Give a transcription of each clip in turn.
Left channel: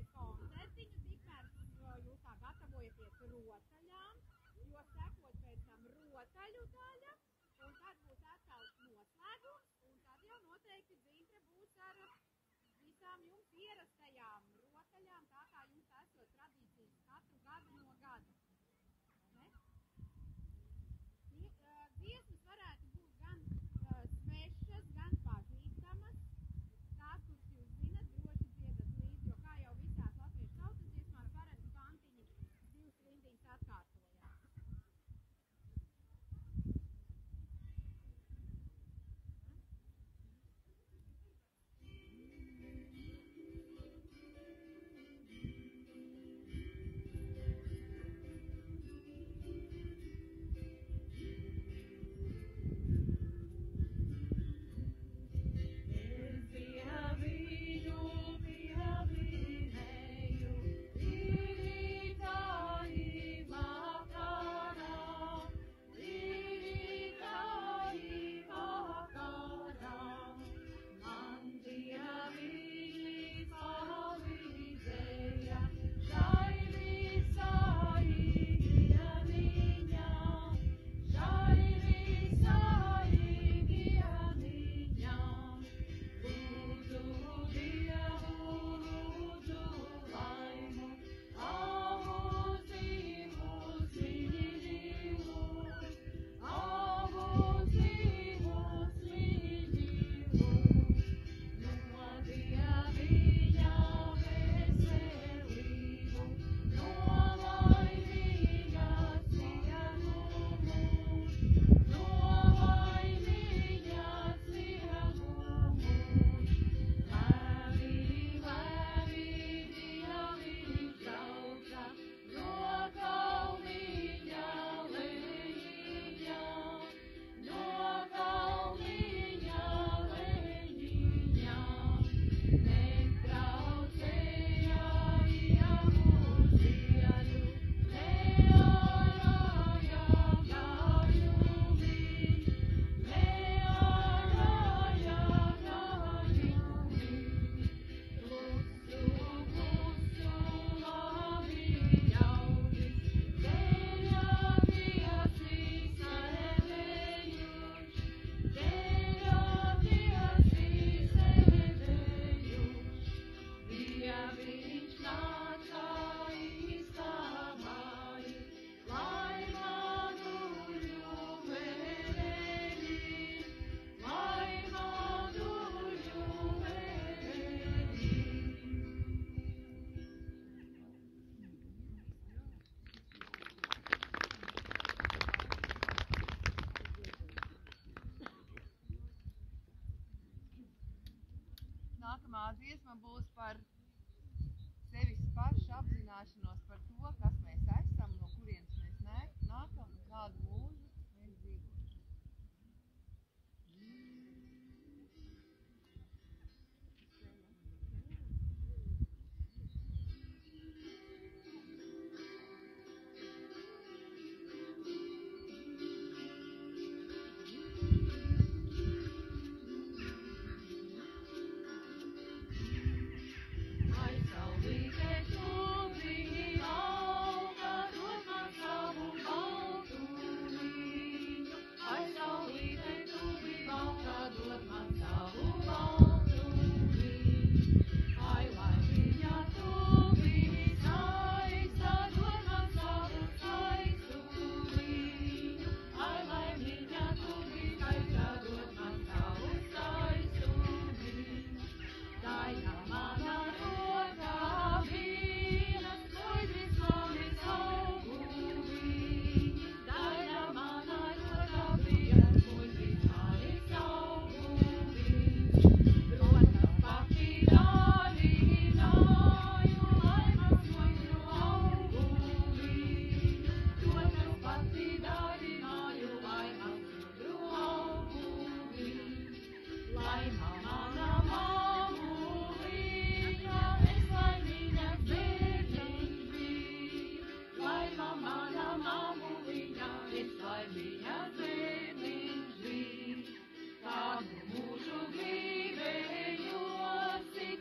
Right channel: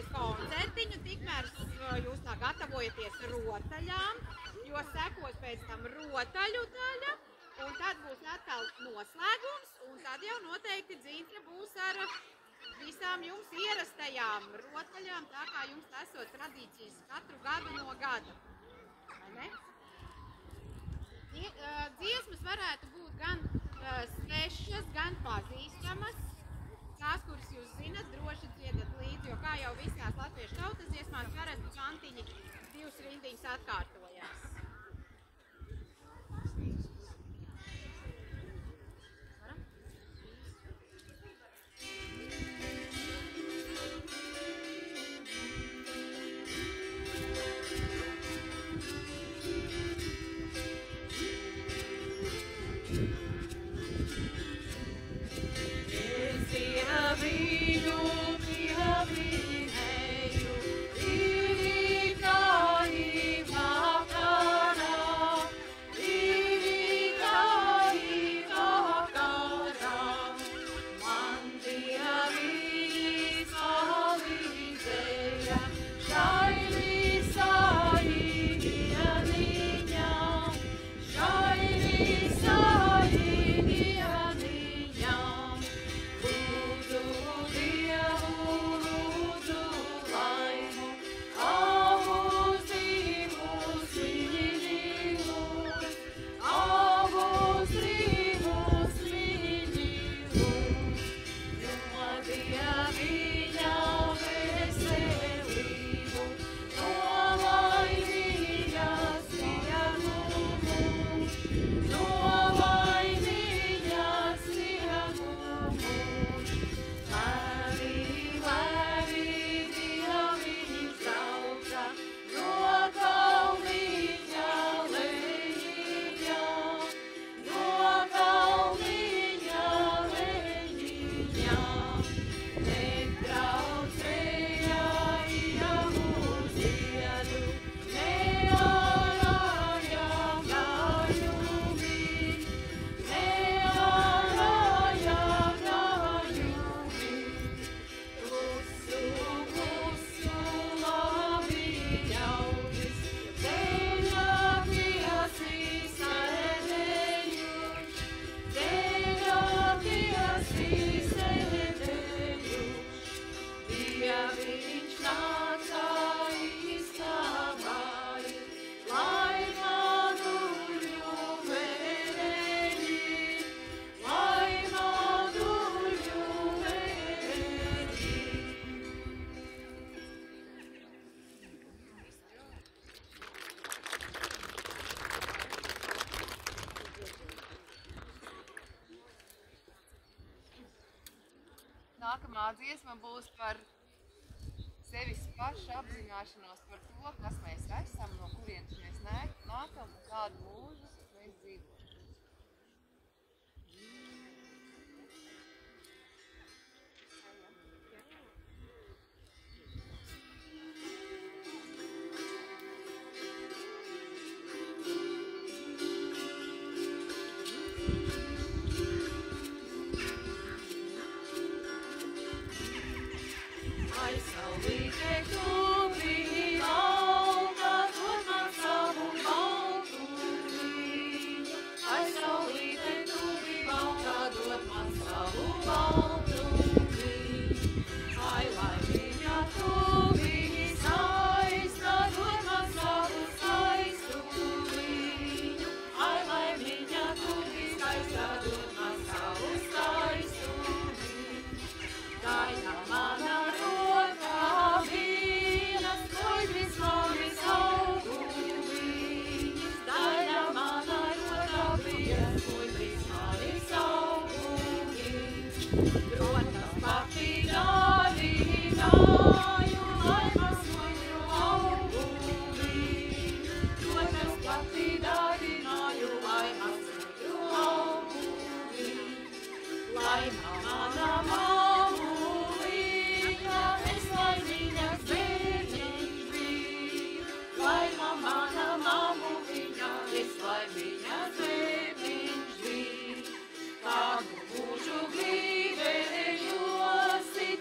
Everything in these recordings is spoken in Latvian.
klausīties koncertiņu, tikmēr jūs tā gatavojaties rotaļām, jo sekos pēc tam rotaļu daļa, un tad būs atkal noslēgums, un tad jau noteikti Dzīntne būs ar visām jums ierastajām rotaļām, tā kā jums esot tradīcijas katru gadu no gada. Vai ne? Dziesmas varētu būt gan svešas, gan pazīstamas. Tās, kuras jūs zinat, droši dziedat līdzi, jo kā jau visās latviešu tautas dziesmās parasti kantiņi divas rindiņas atkārtojās. Nākamā dziesma būs par sevis pašu apzināšanos par to, kas mēs esam, no kurienes mēs nākam un kādu mūžu mēs dzīvojam.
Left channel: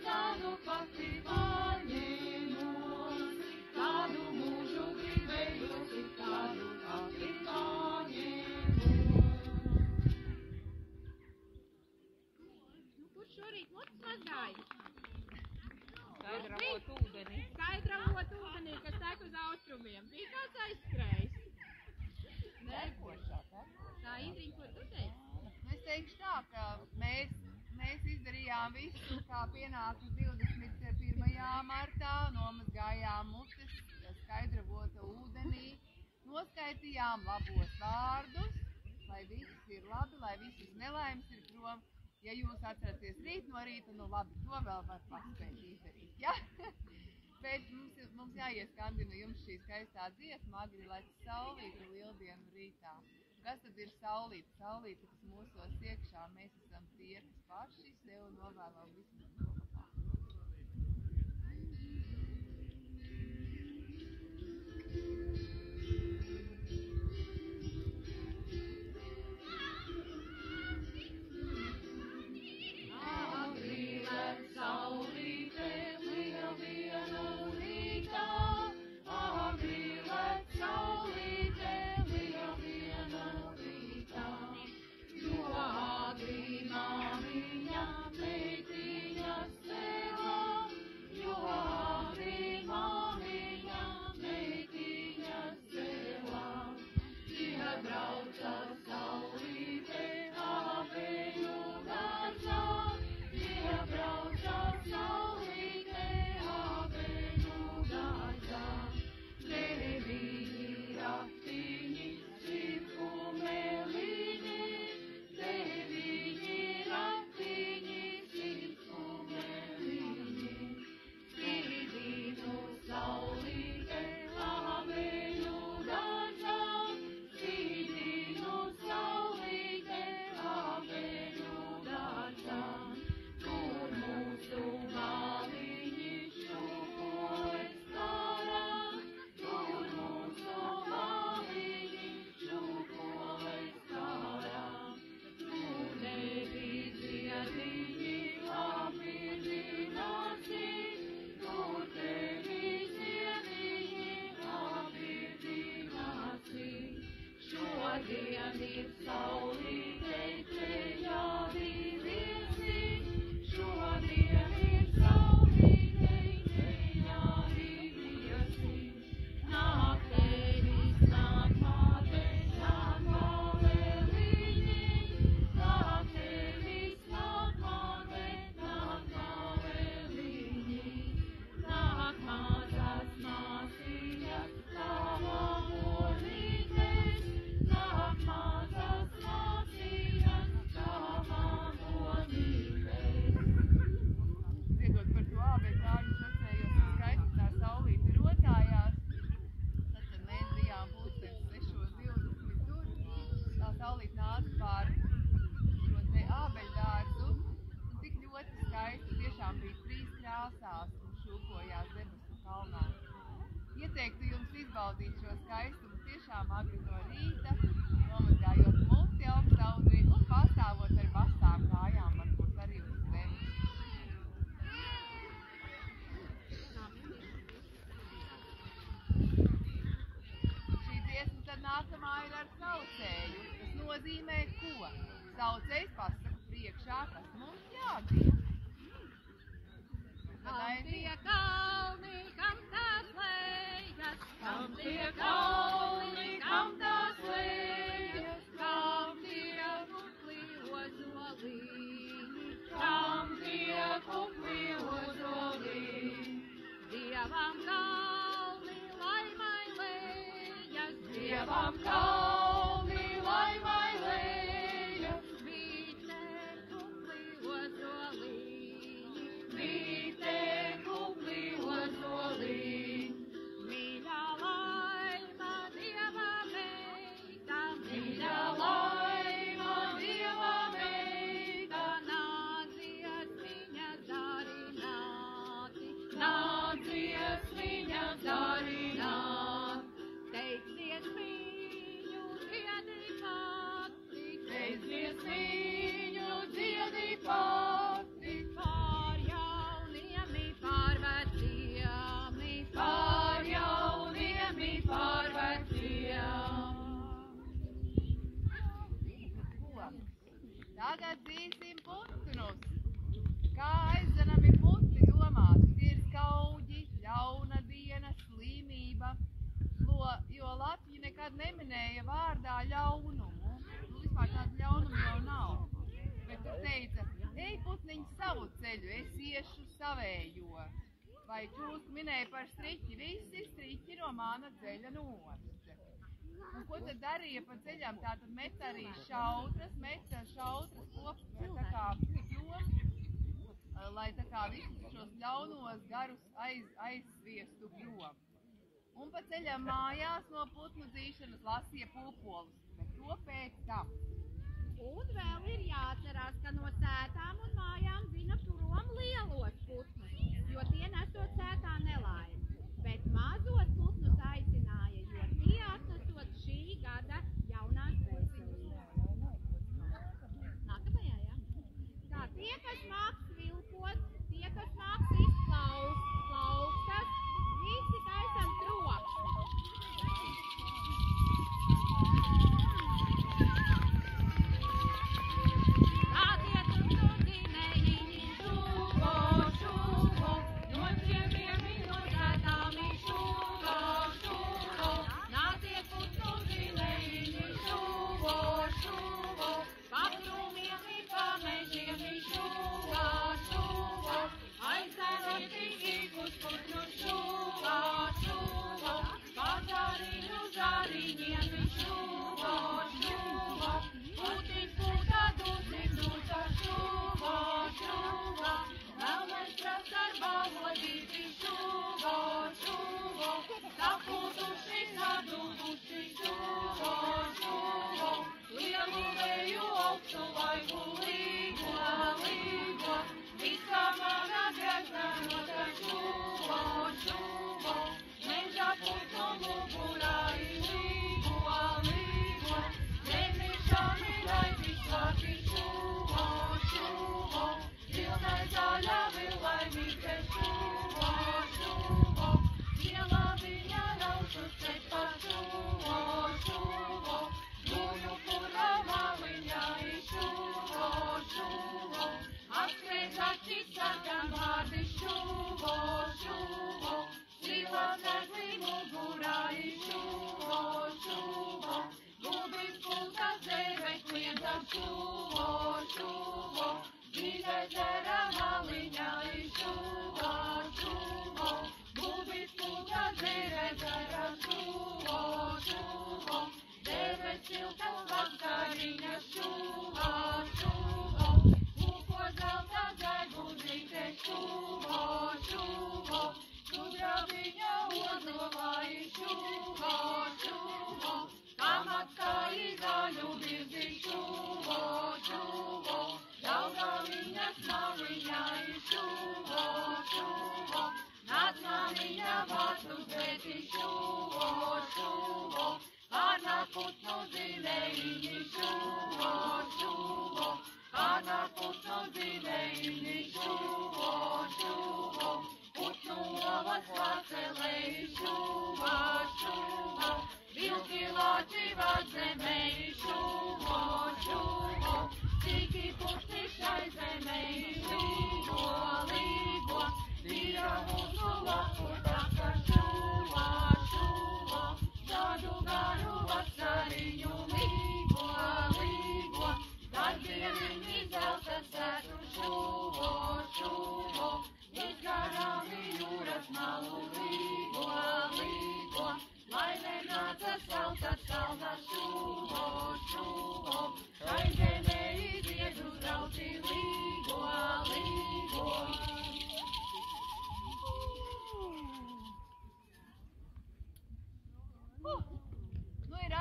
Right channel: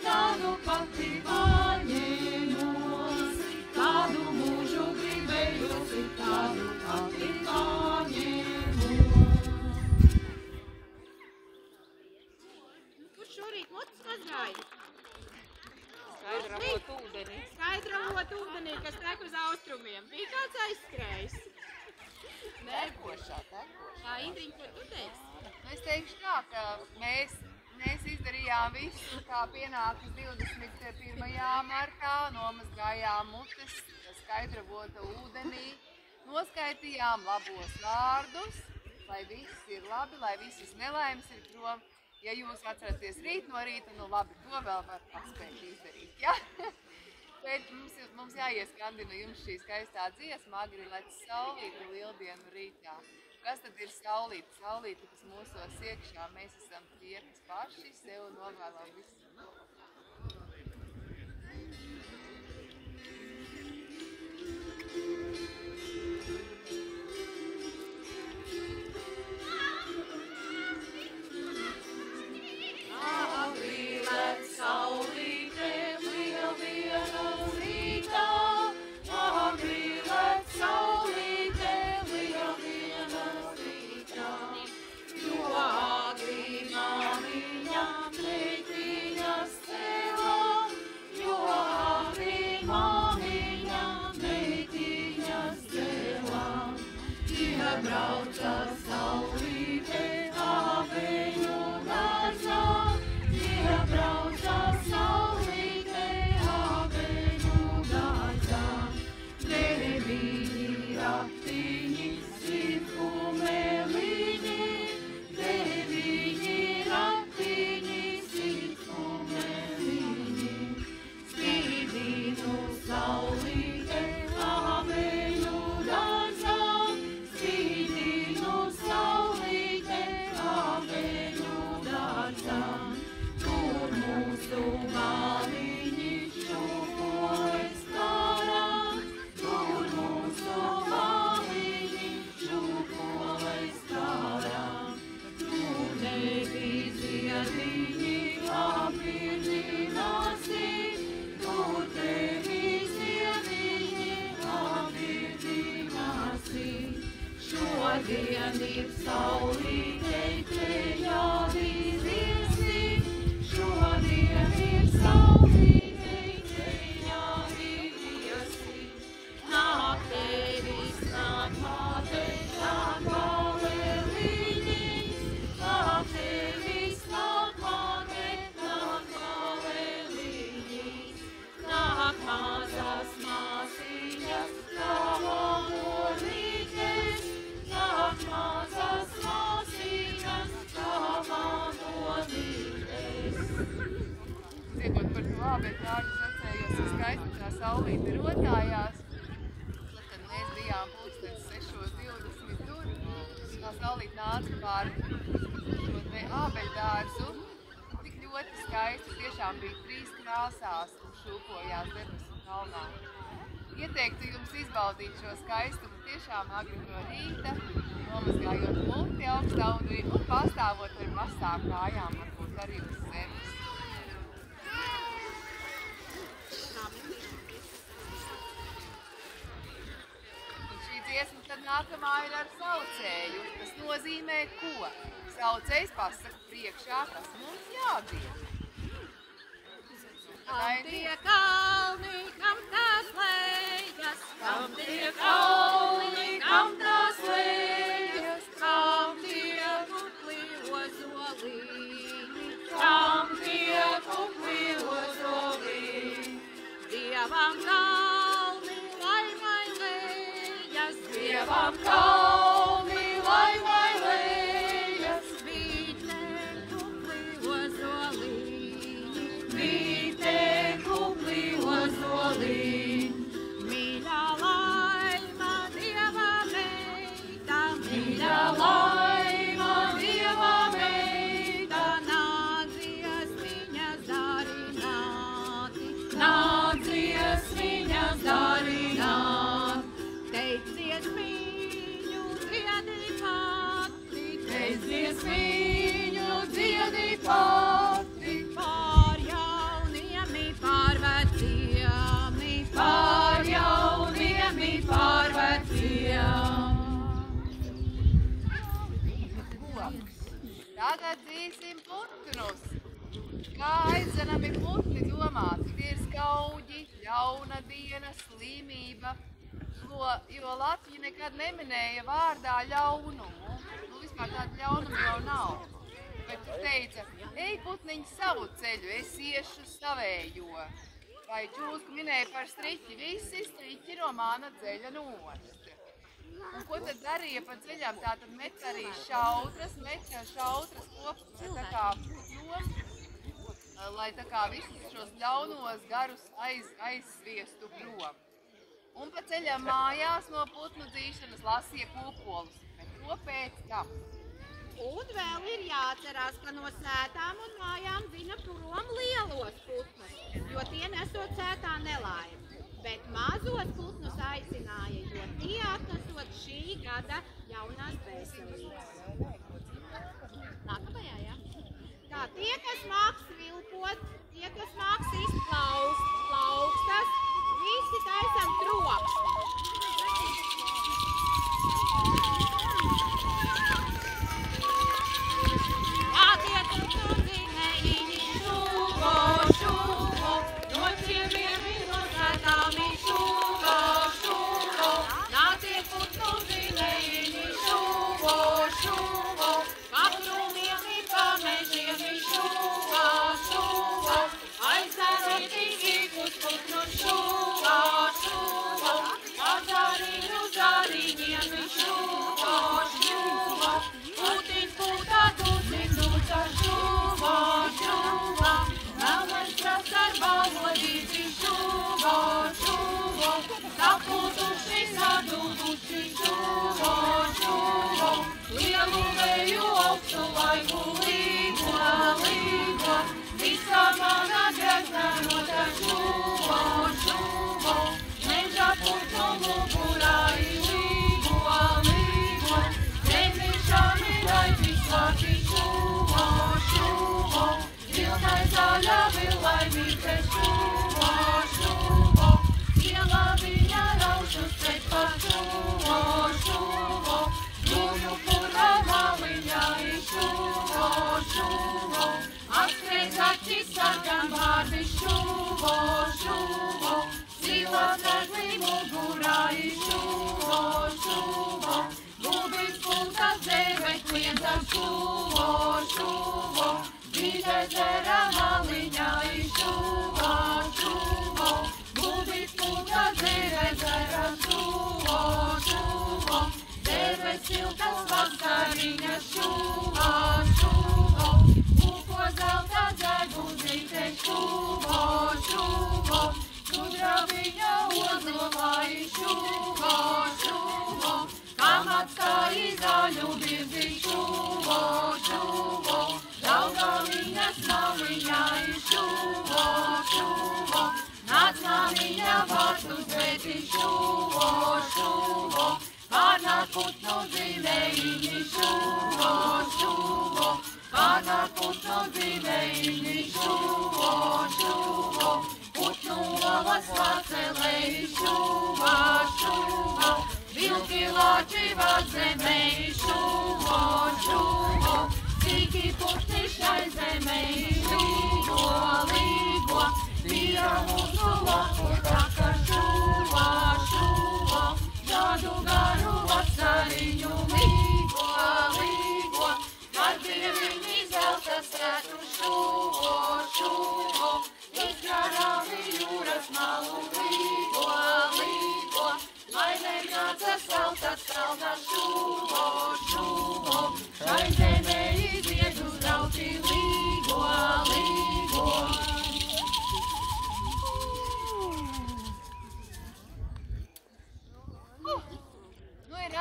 Tādu pati paņēma. šorīt mutes mazgāja? Skaidravot ūdenī. Skaidravot ūdenī, kas tek uz austrumiem. Bija kāds aizskrējis? Tekošā. Tā, Indriņa, ko tu teiksi? Es teikšu tā, ka mēs izdarījām visu, kā pienākas 21. martā, nomazgājām mutes, skaidravota ūdenī, noskaitījām labos vārdus, lai viss ir labi, lai visas nelaimes ir prom. Ja jūs atceraties rīt no rīta, nu labi, to vēl var paspēt izdarīt, ja? Bet mums jāieskandina jums šī skaistā dziesma, agri lec saulīte lieldienu rītā. Kas tad ir saulīte? Saulīte, kas mūsos iekšā, mēs esam tie, kas paši sev novēlam visu. Agri lec saulīte lieldienu rītā, agri lec saulīte lieldienu rītā, jo agri māmiņa meitiņas cēlā, jo agri māmiņa meitiņas cēlā, iebrauca saulīte aveņu dārzā, iebrauca saulīte aveņu dārzā. Deviņi ratiņi, sirku meliņi, deviņi ratiņi, sirku meliņi. Spīdīnu saulīte aveņu dārzā, spīdīnu saulīte aveņu dārzā. Tur mūsu māmiņi šūpojas karā, tur mūsu māmiņi šūpojas karā. Tur nebija ziediņi apvirdināsi, tur tevi ziediņi apvirdināsi. Šodien ir saulītei plejādi viesi, šodien ir saulītei plejādi viesi. Nāk tevis, nāk māte, nāk baleliņi, nāk tevis, nāk māte, nāk baleliņi. Nāk mazās māsiņas, tava molītes, nāk mazās māsiņas, tava molītes. Dziedot par to ābeļu dārzu, es atcerējos, ka skaisti tā saulīte rotājās. Tad, kad mēs bijām pulkstens 6:20 tur, tā saulīte nāca pār šo te ābeļu dārzu. Un tik ļoti skaisti, tiešām bija 3 krāsās un šūpojās debesu kalnā. Ieteiktu jums izbaudīt šo skaistumu tiešām agri no rīta, nomazgājot muti augstā ūdenī un pastāvot ar masām kājām, varbūt arī uz zemes. Un šī dziesma tad nākamā ir ar saucēju. Tas nozīmē ko? Saucējs pasaka priekšā, kas mums jādara. Kam tie kalni, kam tās lejas, Kam tie kalni, kam tās lejas, kam tie kukli ozolīni, kam tie kukli ozolīni. Dievam kalni, laimai lejas, Dievam kalni, laimai lejas, vīte kukli ozolīni, vīte kukli ozolīni. mīļā laima Dieva meita, Mīļā laima Dieva meita, nācies viņas darināti, nācies viņas darināt. teicies viņu dziedi pati, Teicies viņu dziedi pati, pār jauniem, pār veciem, pār jauniem, pār veciem. Ko? Tagad dzīsim putnus. Kā aizdzenami putni domāti, tie ir skauģi, ļauna diena, slimība, jo Latvija nekad neminēja vārdā ļaunumu. Vispār tāda ļaunuma jau nav. Bet tu teica, ej putniņi savu ceļu, es iešu savējo. Vai čūsku minēja par striķi, visi striķi no mana ceļa nost. Un ko tad darīja pa ceļām? Tātad met arī šautras kopā tā kā pļom, lai tā kā visus šos ļaunos garus aizsviestu prom. Un pa ceļām mājās no putnu dzīšanas lasīja pūpolus, bet to pēc tam. Un vēl ir jāatcerās, ka no sētām un mājām zina prom lielos putnus, jo tie nesot sētā nelaimi. Bet mazos putnus aicināja, jo tie atnesot šī gada jaunās dvēselības. Nākamajā, jā? Tā, tie, kas māks vilpot, tie, kas māks izplaust plaukstas, visi taisam trokšņi.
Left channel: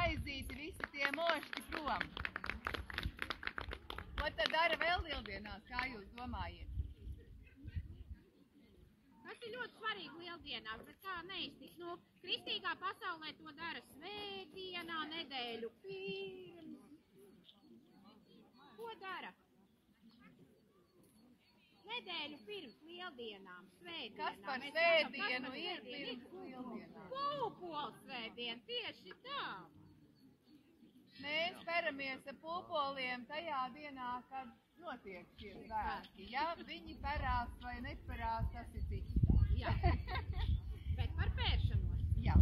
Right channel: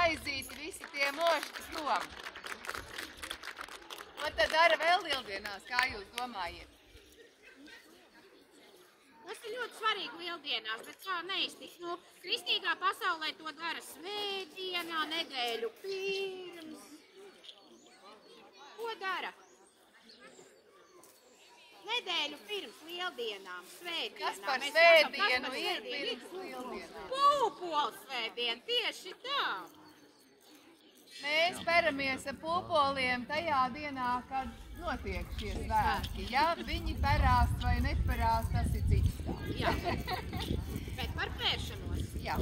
Aizīti visi tie mošķi prom. Ko tad dara vēl lieldienās, kā jūs domājat? Tas ir ļoti svarīgi lieldienās, bet kā neiztikt? Nu, kristīgā pasaulē to dara svētdienā, nedēļu pirms. Ko dara? Nedēļu pirms lieldienām, svētdienām. Kas par svētdienu ir pirms lieldienām? Pūpols svētdiena, tieši tā. mēs peramies ar pulpoliem tajā dienā, kad notiek šie svētki. Ja viņi perās vai neperās, tas ir cits stāsts. Jā. Bet par pēršanos. Jā.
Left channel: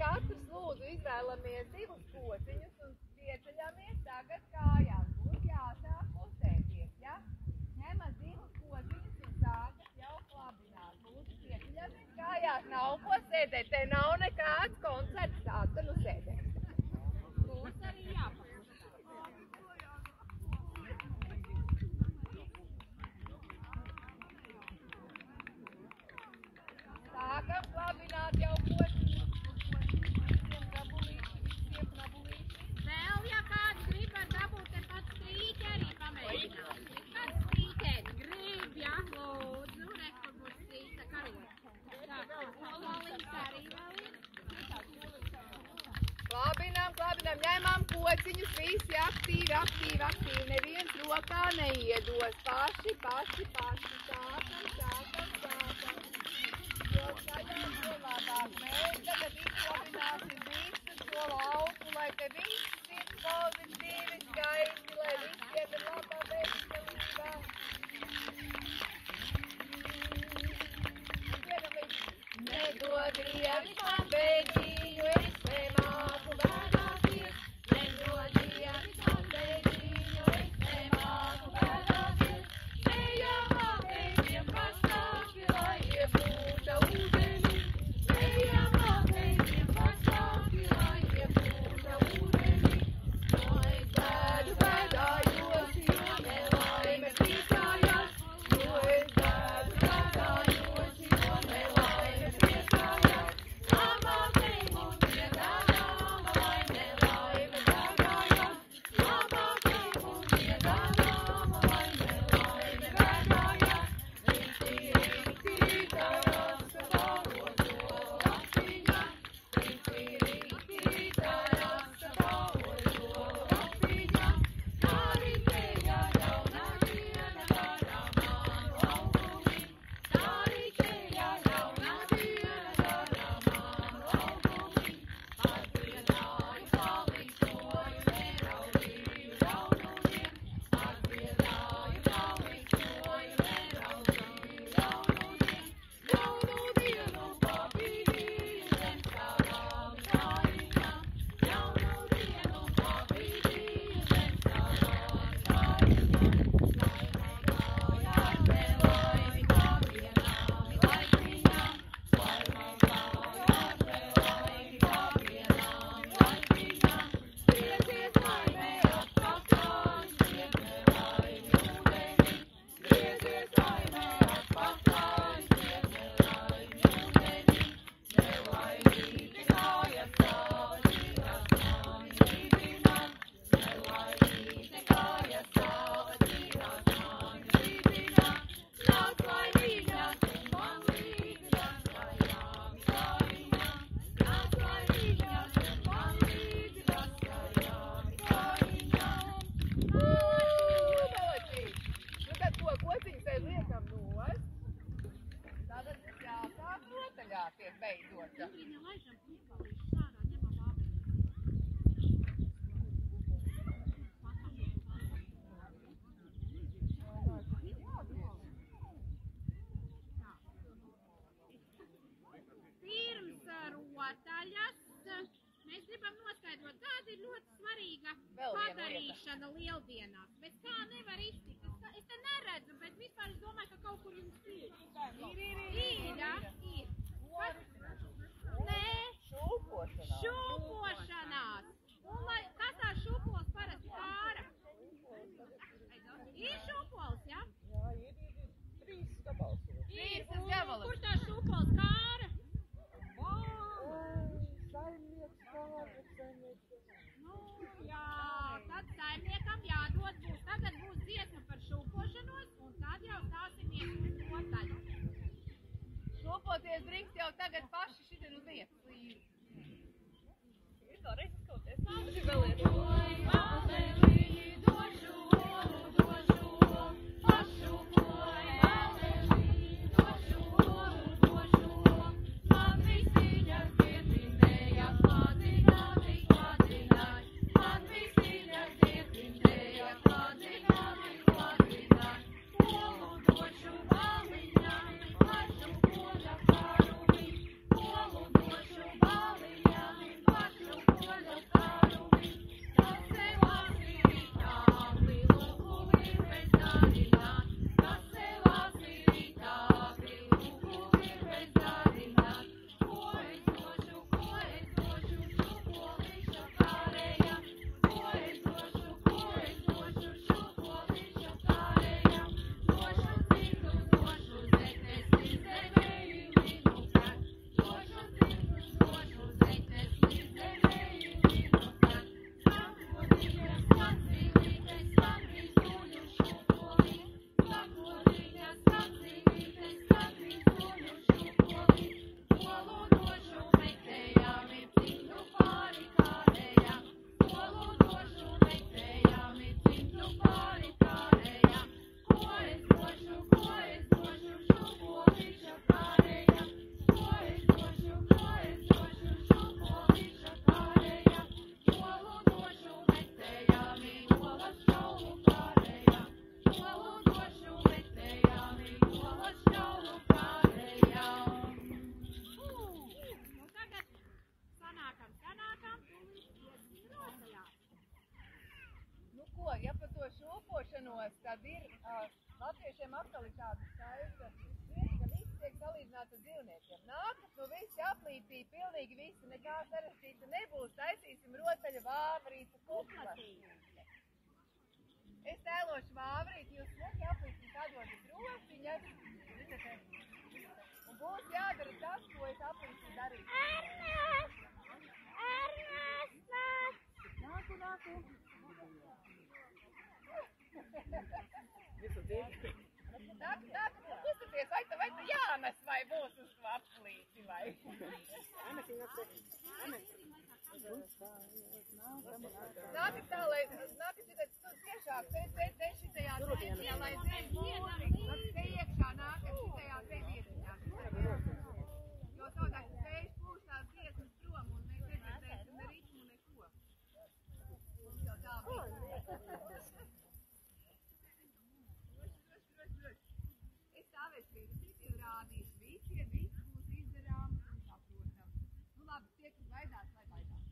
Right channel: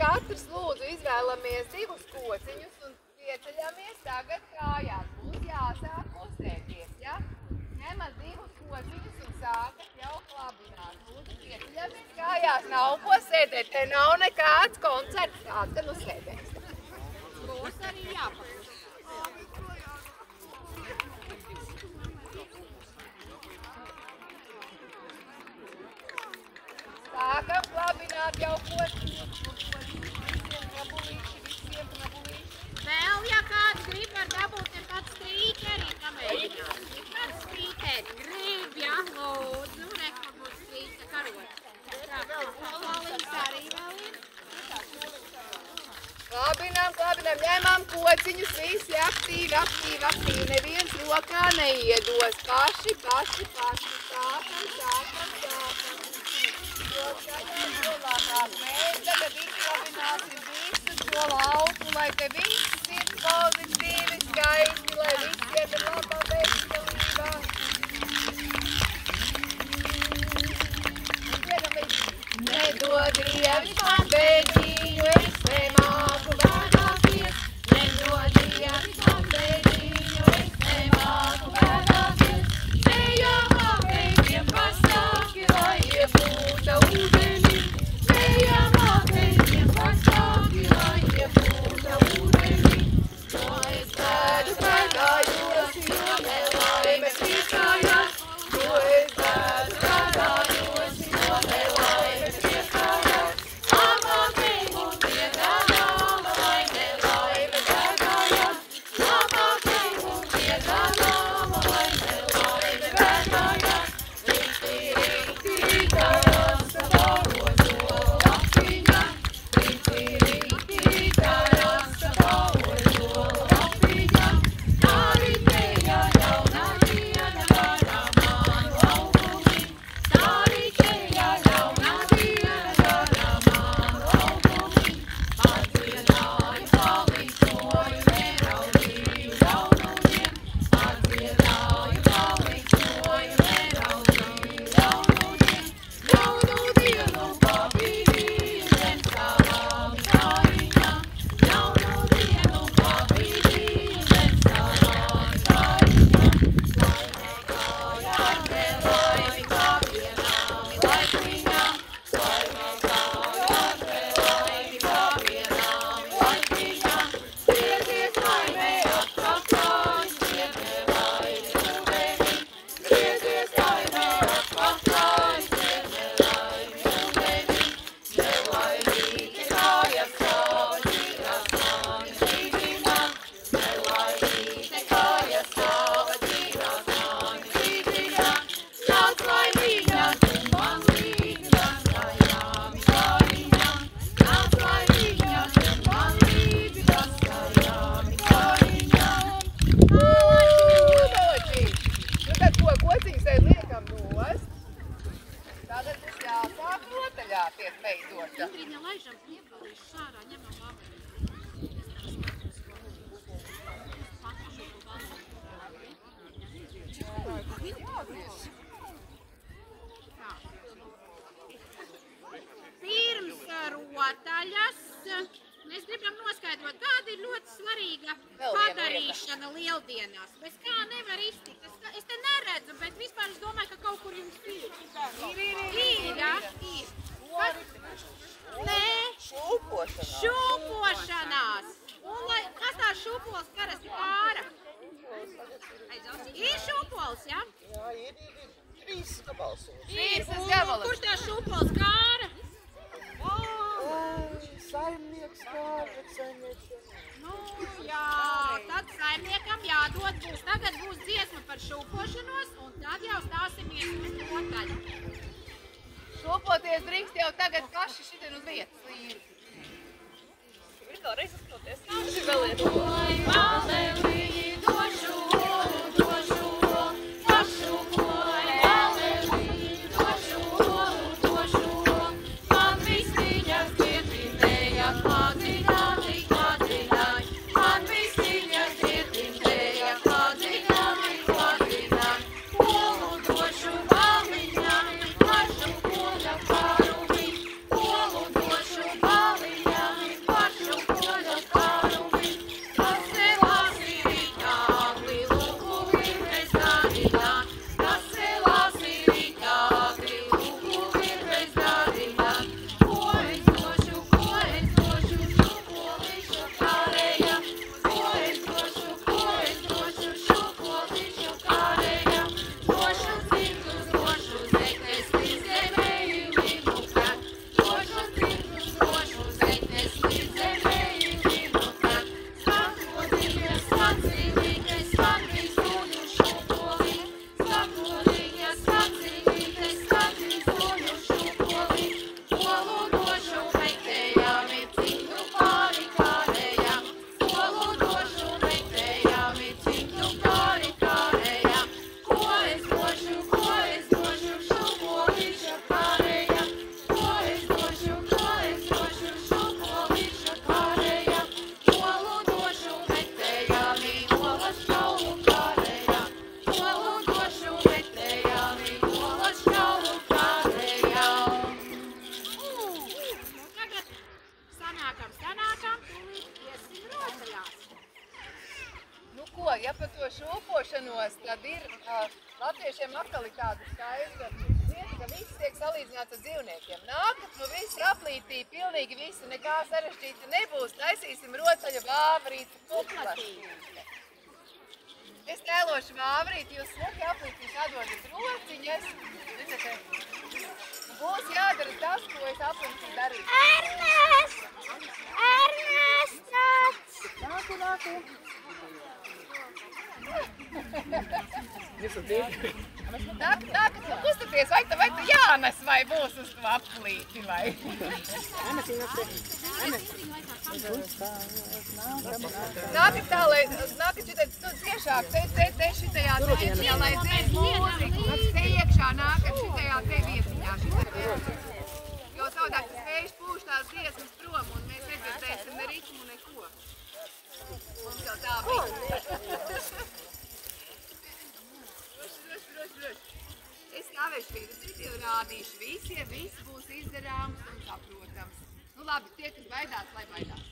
Katrs lūdzu izvēlamies divus kociņus un pieceļamies tagad kājās. Būs jāsāk kustēties, ja? Ņemat divus kociņus un sākat jau klabināt. Lūdzu, pieceļamies kājās. Nav ko sēdēt, te nav nekāds koncerts, kāds te nu sēdēs. Būs arī jāpaklust. Sākam klabināt jau kociņus. Vēl, ja kāds grib, var dabūt te pats strīkeri, pamēģināt. Kāds strīkeri grib, ja, lūdzu, rekla būs strīka karot. Tā, pololīs arī vēl ir. Klabinām, ņemam kociņus, visi aktīvi. Neviens rokā neiedos. Paši. Mēs tagad izklabināsim visu šo lauku, lai te viss ir pozitīvi, skaisti, lai visiem ir labā veselībā. Nedod Dievis man bēdīņu, es te māku bēdāties. Nedod Dievis man bēdīņu, es te māku bēdāties. Ejam apēķiem pastāki, lai iebūta ūdeni. Ejam apēķiem pastāki, lai iebūta ūdeni. To es bēdu, bēdāju, Tagad mums jāsāk rotaļā tiek veidota. Indriņa, laižam piebalīšu šārā, ņemam vāverī. Pirms rotaļas mēs gribam noskaidrot, kāda ir ļoti svarīga padarīšana lieldienās. Bez kā nevar iztikt. Es te neredzu, bet vispār es domāju, ka kaut kur jums ir. Ir. Nē. Šūpošanās. Un kas tā šūpols parasti kāra? Ir šūpols, ja? Jā, ir 3 gabals. Kurš tā šūpols kāra? Saimnieks kāra, saimnieks. Nu, jā, tad saimniekam jādod būs. Tagad būs dziesma par šūpošanos, un tad jau stāsimies uz rotaļu. Šūpoties drīkst jau tagad paši šitien uz vietas līdzi. Ir vēlreiz uzkroties. Ja par to šūpošanos, tad ir latviešiem atkal ir tāda skaista lieta, ka viss tiek salīdzināts ar dzīvniekiem. Nākat, nu visi aplītī, pilnīgi visi, nekā sarežģīti nebūs. Taisīsim rotaļu vāvrīti, kuplašīti. Es tēlošu vāvrīti, jūs smuki aplītī sadodat rociņas. Būs jādara tas, ko es aplītī darīšu. Ernests! Nāku. Nākat, kustaties, vai tu jānes vai būs uz to aplīti, vai? Nākat tā, lai, nākat šitā ciešāk, te šitajā vietiņā, lai dzēs mūziku. Te iekšā nākat šitajā te vietiņā, Jo savādāk tas vējš pūš tās dziesmas prom, un mēs nedzirdēsim ne ritmu, neko. Mums jau tā bija. Es stāvēšu virzīti, jau rādīšu visiem, viss būs izdarāms un saprotams. Nu labi, tie, kas baidās, lai baidās.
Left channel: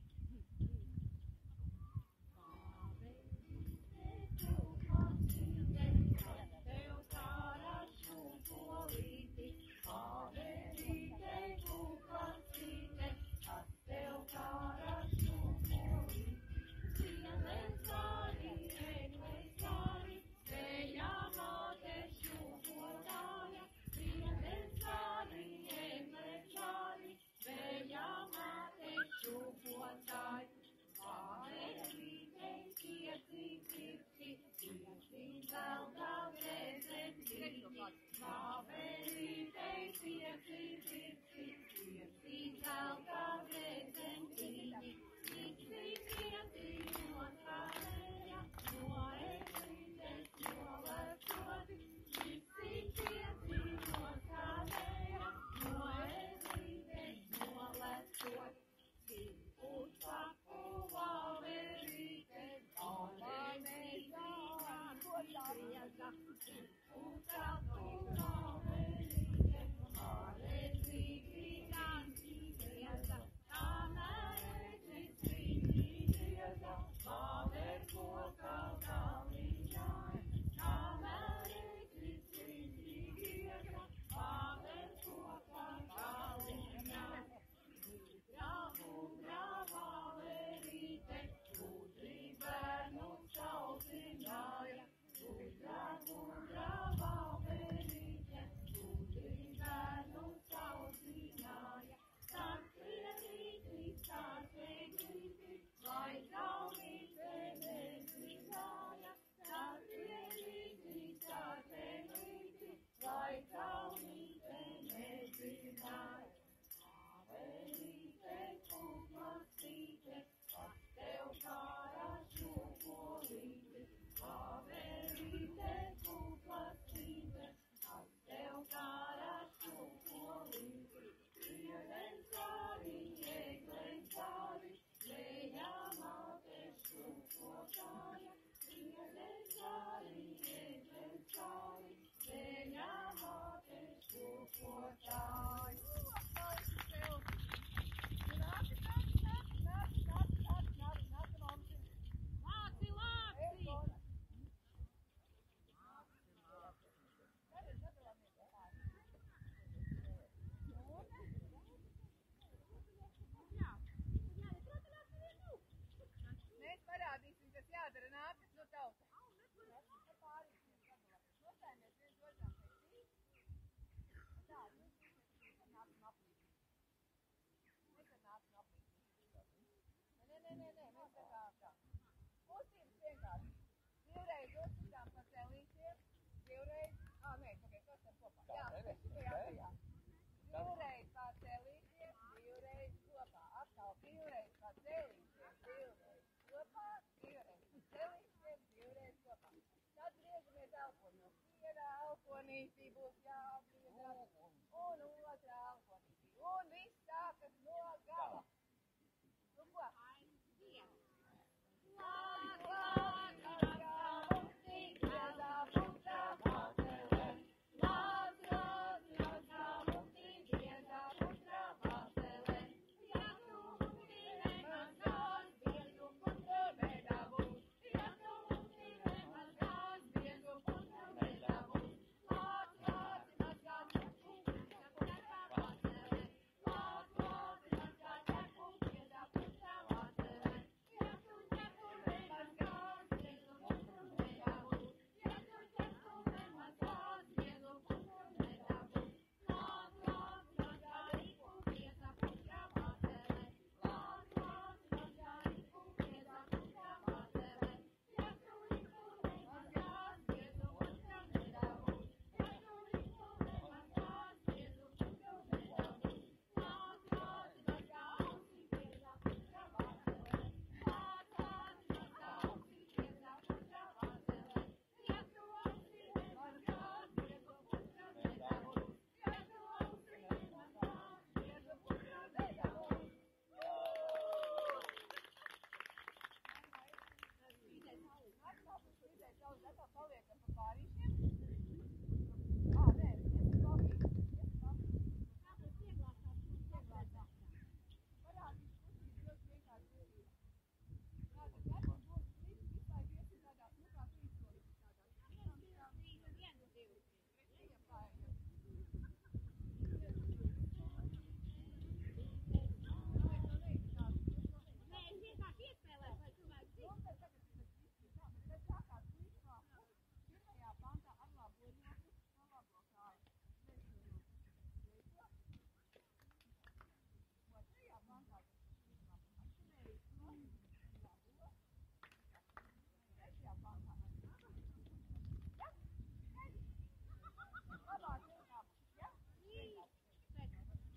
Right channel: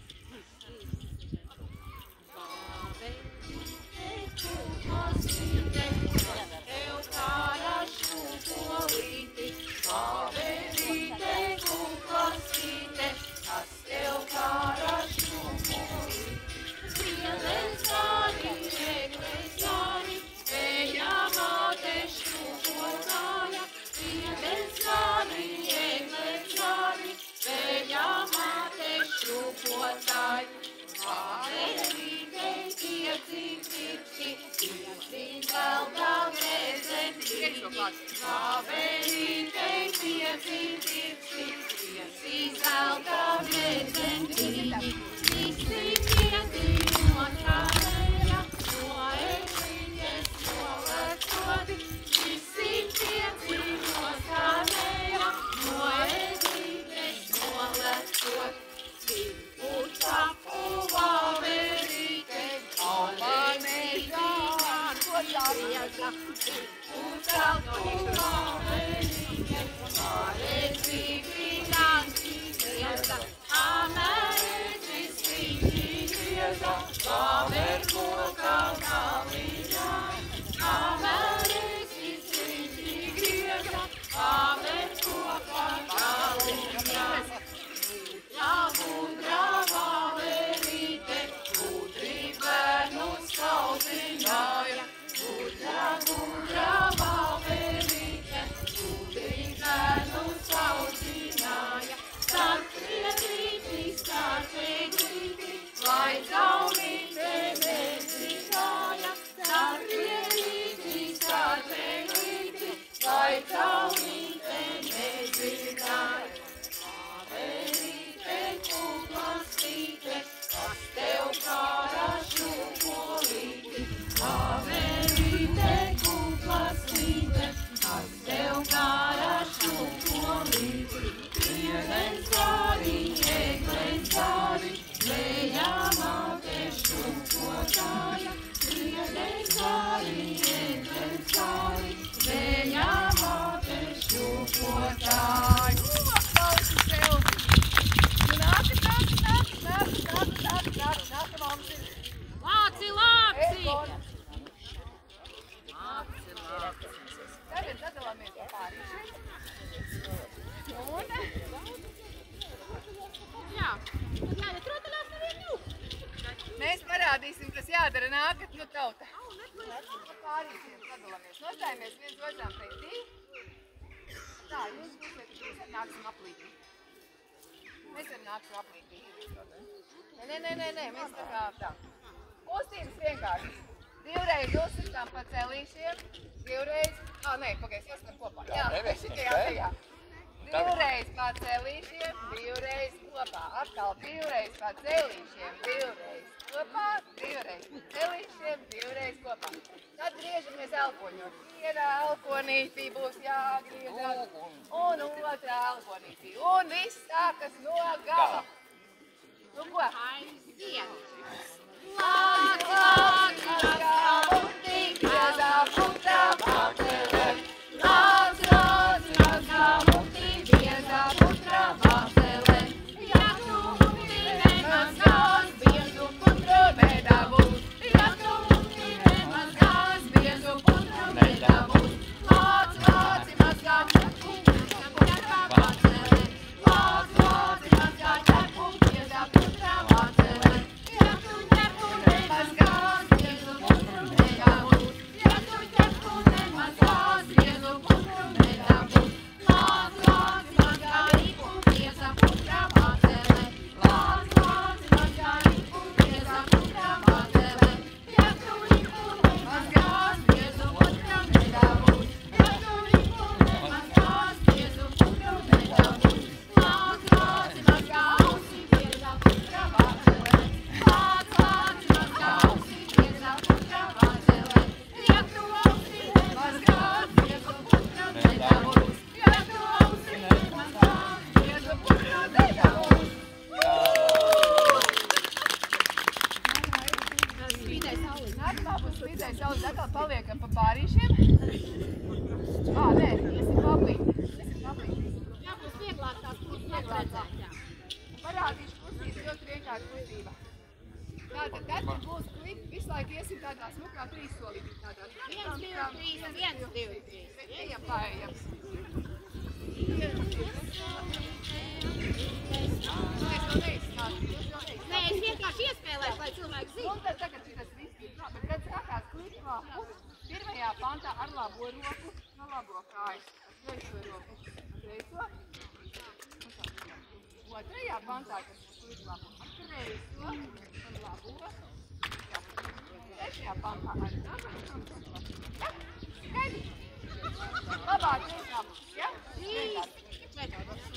Visi pieci no skanēja, Aplausi sev! Nu nākat mums ir. Lāci! Tagad sadalāmies ar pārīšiem. Un? Jā, jāiet rotaļās nevienu. Mēs parādīsim, kas jādara nākat, nu tauta. Pārīšiem sadalāmies. Nostājamies viens otram pretī. Tā, jūs būsiet, mēs ar nāksim aplītī. Mēs ar nāksim aplītī. Nē, mēs tā kā tā. Kustības vienkārši. Divreiz uzsitām pa celīšiem, divreiz, pagaidzi, jāskan kopā. Jā, šitajā. Divreiz pa celīšiem, divreiz kopā. Atkal divreiz pa celīšiem, divreiz kopā, divreiz pa celīšiem, divreiz kopā. Tad griežamies elpoņos. Viena elponītī būs jāgriežas, un otrā elponītī. Un viss sākas no gala. Nu ko? Aiziet! Paliekam pa pārīšiem. Nē, iesim paplīti. Jā, būs vieglāk tās redzēt. Parādīšu kustības, ļoti vienkārši kustība. Tātad, tad būs klipi, visu laiku iesim tādā smukā trīssolītī. 1, 2, 3, 1, 2, 3. Ejam, paejam. Nē, es vienkārši iespēlēšu, lai cilvēki zina. Un tad tagad šitas viss ir tā, bet kad sākās klipā, pirmajā pantā ar labo roku, no labo kājas, ar kreiso roku, kreiso. Otrajā pantā, kas būs klipā, ar kreiso un labo. Trešajā pantā ar labo. Ja? Skaidrs? Labāk vienkār. Ja?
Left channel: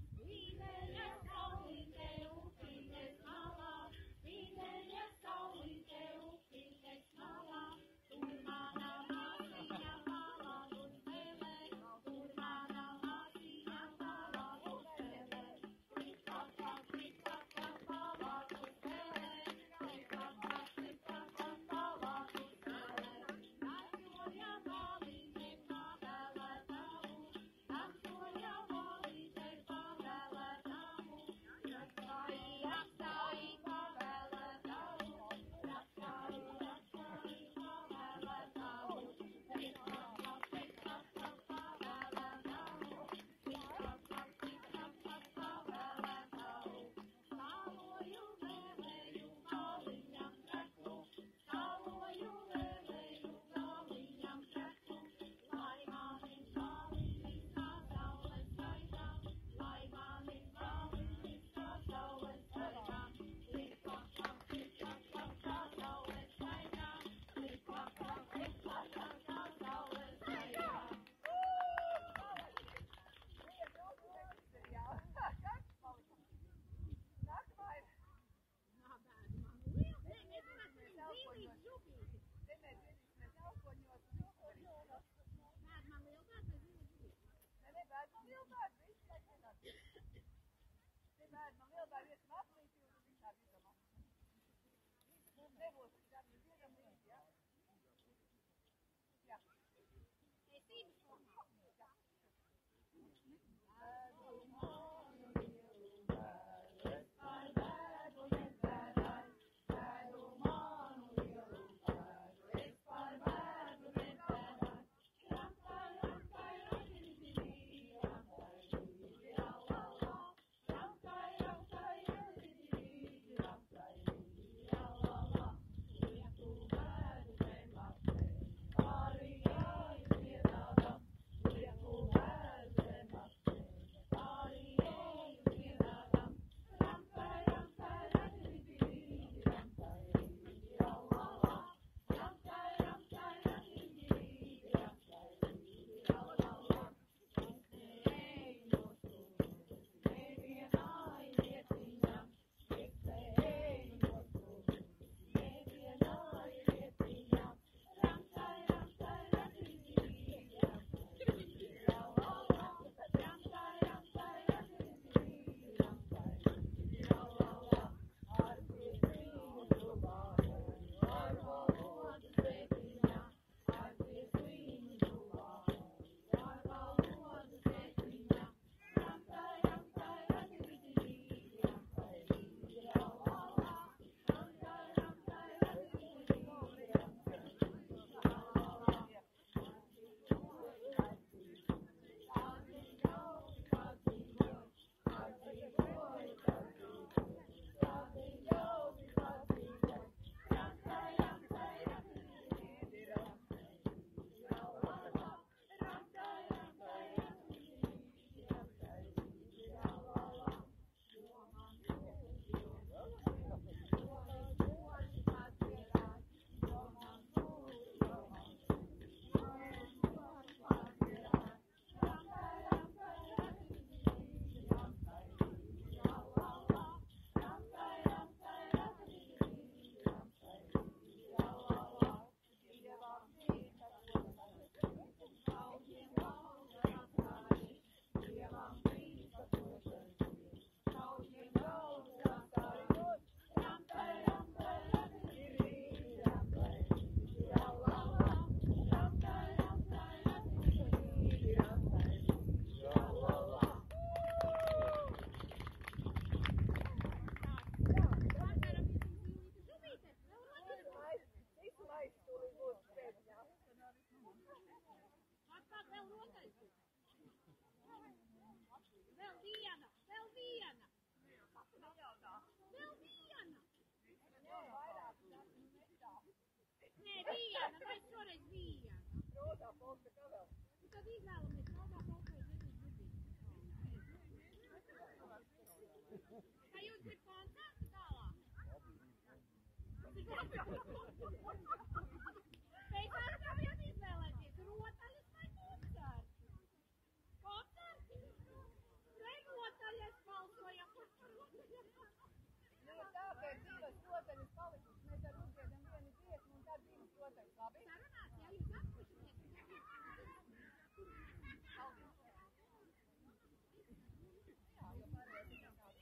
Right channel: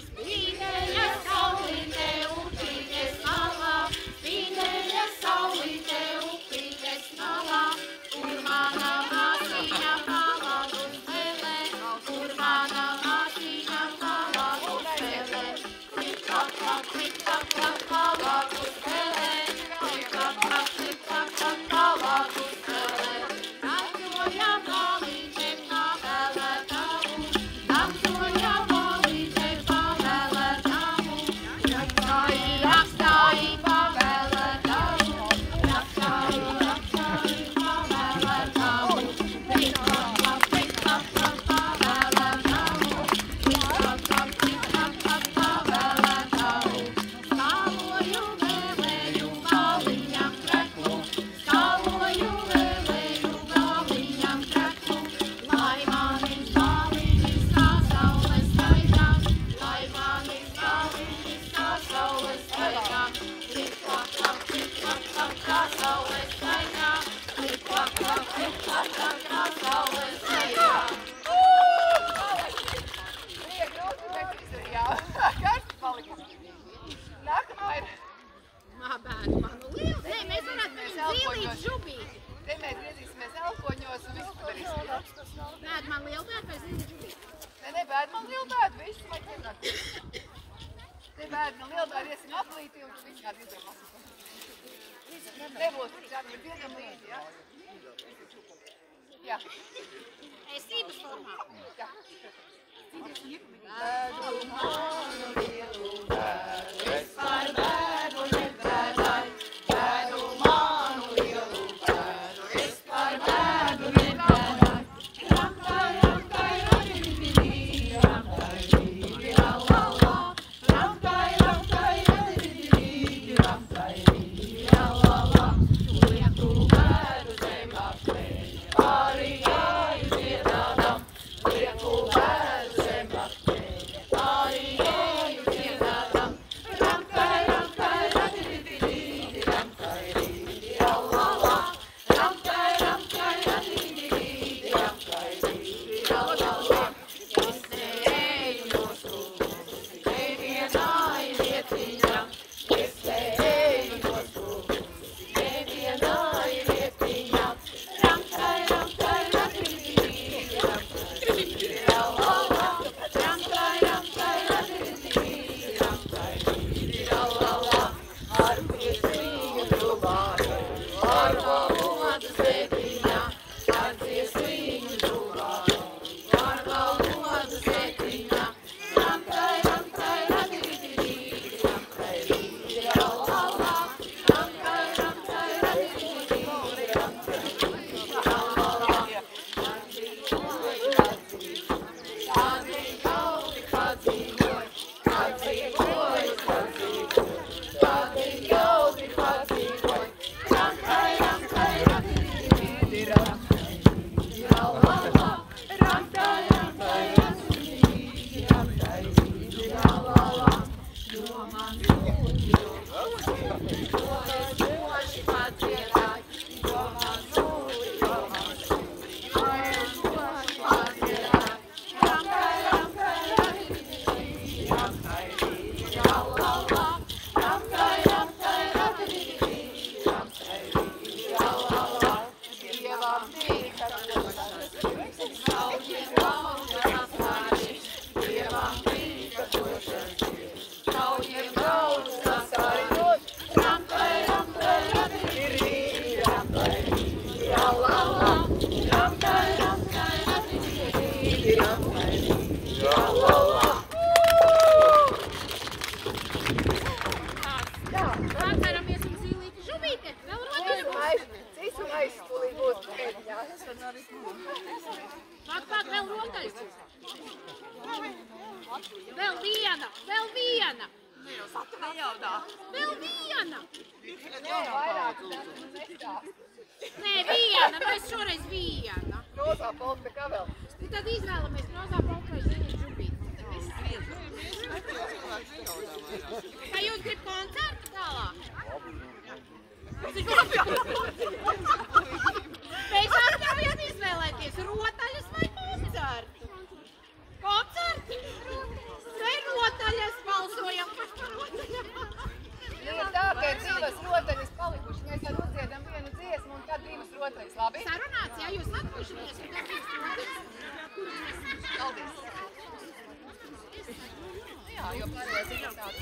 Spīdēja saulīte upītes malā, spīdēja saulīte upītes malā, kur mana māsiņa palādu spēlē, kur mana māsiņa palādu spēlē. Klik-klak-klak, klik-klak-klak, palādu spēlē, klik-klak-klak, klik-klak-klak, palādu spēlē. Dancoja balīte pavēlētavu, dancoja balīte pavēlētavu, rakstāji pavēlētavu, rakstāji pavēlētavu, klik-klak-klak, klik-klak-klak, pavēlētavu, klik-klak-klak, klik-klak-klak, pavēlētavu. Skaloju vēlēju galviņam treklu, skaloju vēlēju galviņam treklu, lai manis galviņis kā saules staigā, lai manis galviņis kā saules staigā. Klik-klak-klak, klik-klak-klak, kā saules staigā, klik-klak-klak, klik-klak-klak, kā saules staigā. Nākamā ir. Bēdu manu lielu. Nē, mēs varētu paņemt zilīt žubīti. Te mēs griezīsimies elpoņos un visu padarīsim. Bēdu man lielu bēdu vai zilīt žubīti? Nē, bēd man lielu bēdu, visu vajag vienāt. Te bēd man lielu bēdu, iesim aplītī un tu visu kādu izdarām. Nebūs tik tādu, bet diezgan līdzi, ja? Jā. Esības formā. Jā. Atceramies un zilīti žubīte, vēl rotaļus. Citu maisu tūlīt būtu pēdiņās. Pak, vēl rotaļus. Vēl viena. Nejaudā. Vēl viena. Vairāk nestāst. Nē, viena, mēs šoreiz viena. Rozā polka, kā vēl? Tad izvēlamies rozā polka vai zilīti žubīte. Vai jūs grib koncertu tālāk? Mēs atļaujam izvēlēties rotaļas vai koncertu? Koncertu? Vai rotaļas balsojam par rotaļām? Ir tā, ka ir divas rotaļas palikušas. Mēs ar uzdziedam vienu dziesmu un tad divas rotaļas, labi? Sarunāts, jā, jūs atpušaties un tad divas rotaļas. Paldies! Jā, jo pārējais ir tāds.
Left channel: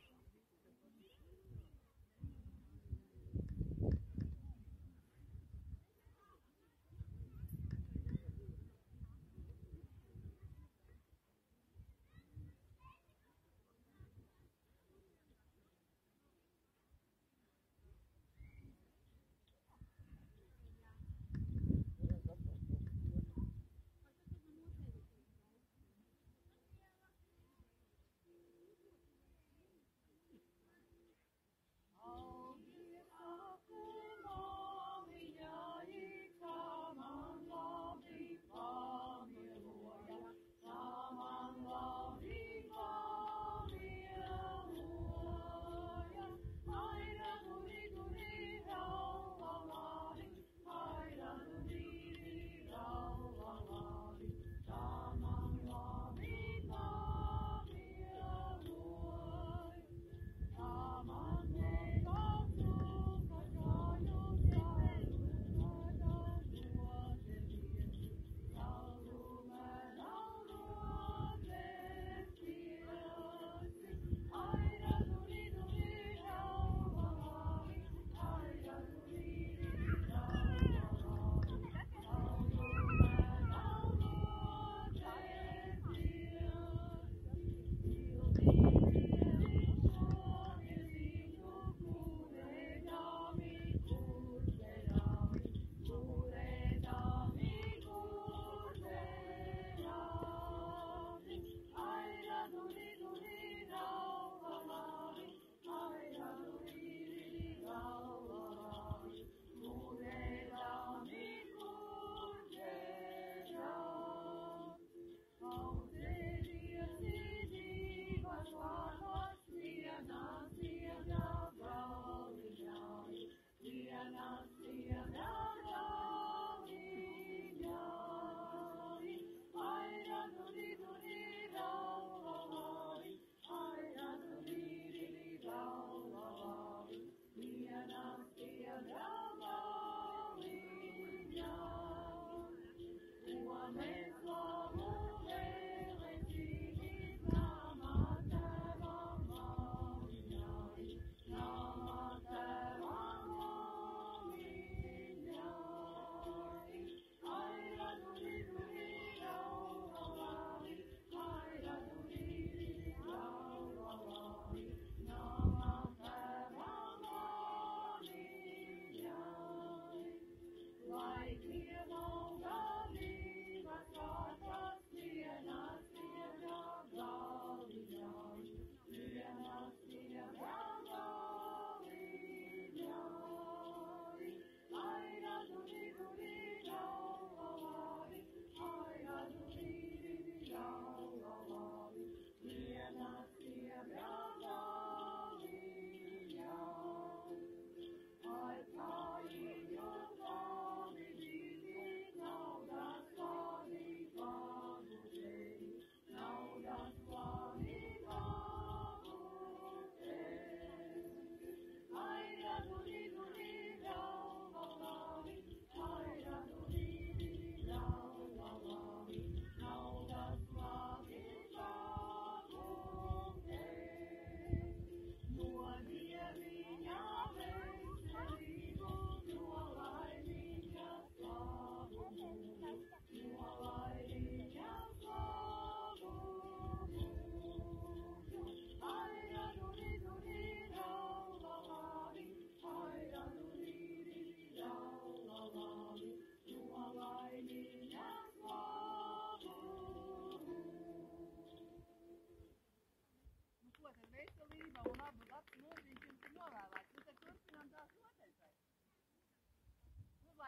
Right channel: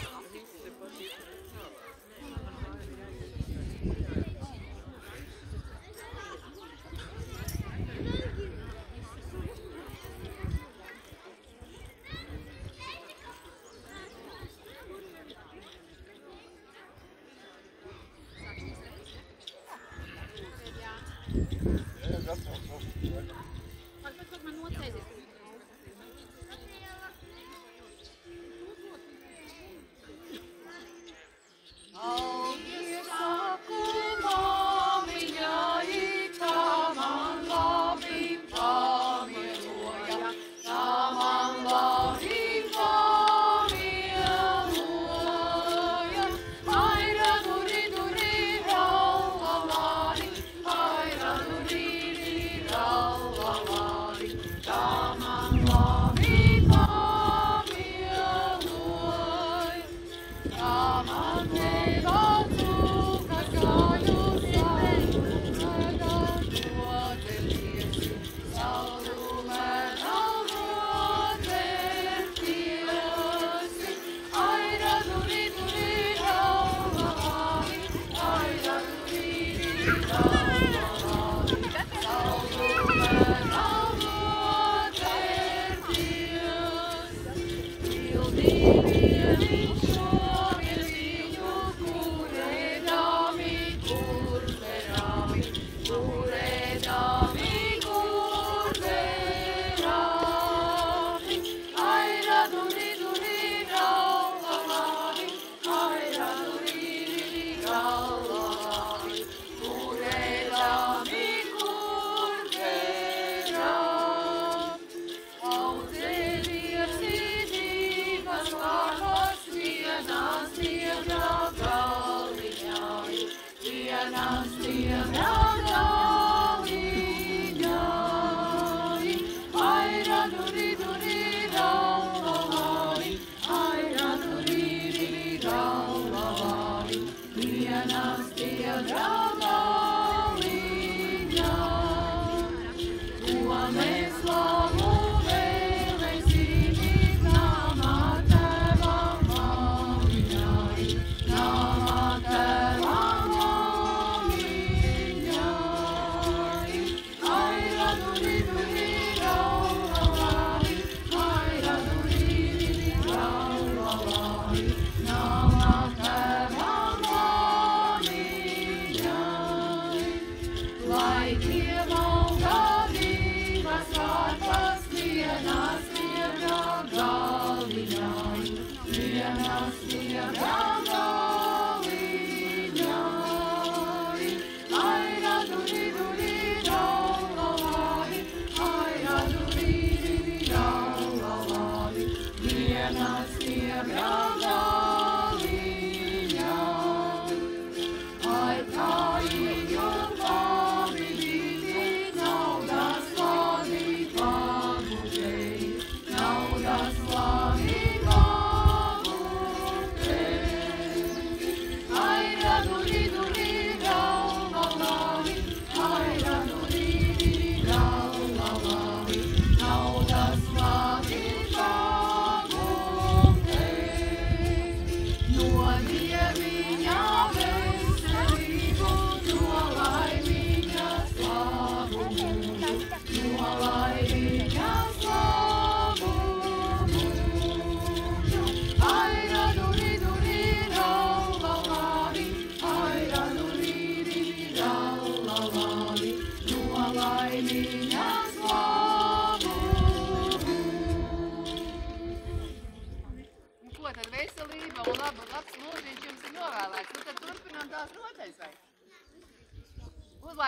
Pak man nocēsies.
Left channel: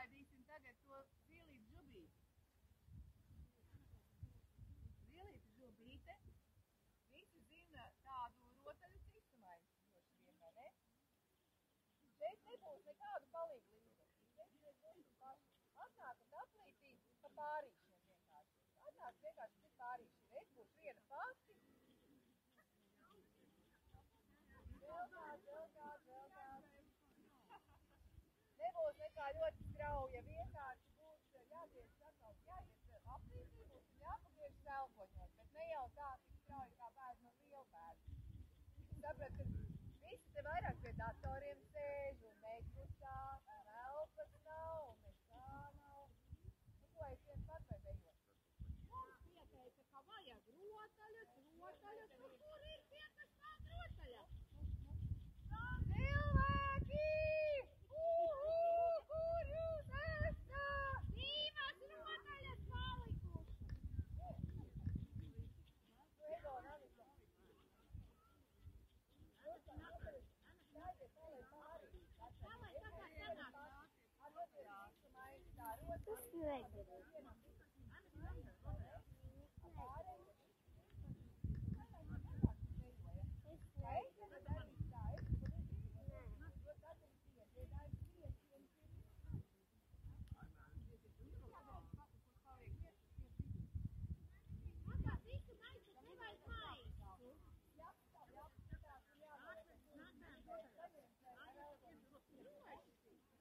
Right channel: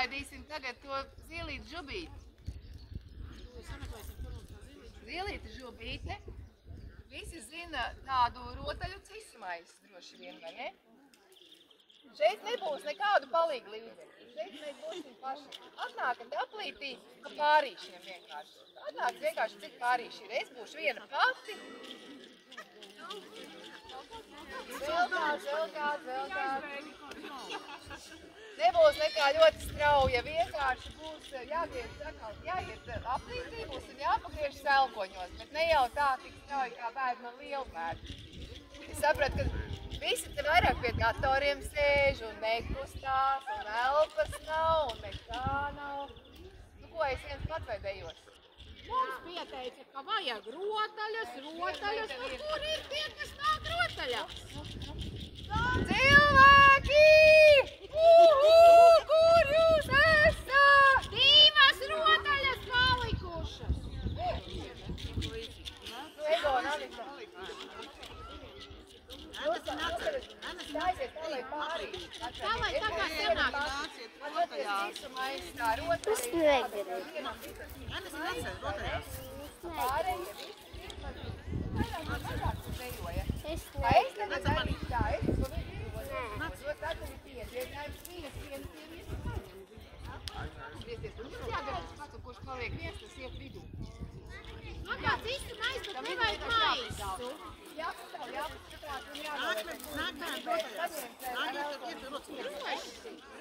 Uzlaidīsim tagad to zilīti žubīti. Zilīti žubīte. Visi zina tādu rotaļu cismaisu droši vien, vai ne? Šeit nebūs nekādu palīgu līdzekļu. Šeit mēs būsim paši. Atnākat aplītī pa kārīšiem vienkārši. Atnākat vienkārši cik kārīši ir. Es būšu viena pati. Vēl. Nebūs nekā ļoti strauja, vienkārši būs jāiet aplītībos un jāpagriež selkoņos, bet ne jau tā tik strauji kā bērni no lielu bērnu. Es sapratu, ka visi te vairāk pie datoriem sēž un nekustās un elpas nav un nekā nav. Nu ko, es viens pats vai dejos? Mums pieteica, ka vajag rotaļas, nu kur ir tie, kas nāk rotaļās? Cilvēki! Kur jūs esat? Divas rotaļas palikušas! Ego, Navita. Stājiet tā, lai pārī. Tā, lai tā kā senāk. Man atliek visu maisu tā rotaļa. Es negribēju. Pārējie visi man mazāk dejoja. Es Tā es tagad darīšu tā, es to visu. Jo tad ir piedietinājums viens. Griezties, un jums jādara tas pats, un kurš paliek viens, tas iet vidū. Man kāds īsti mais, bet nevajag maisu. Jāpaskatās un jānoliek.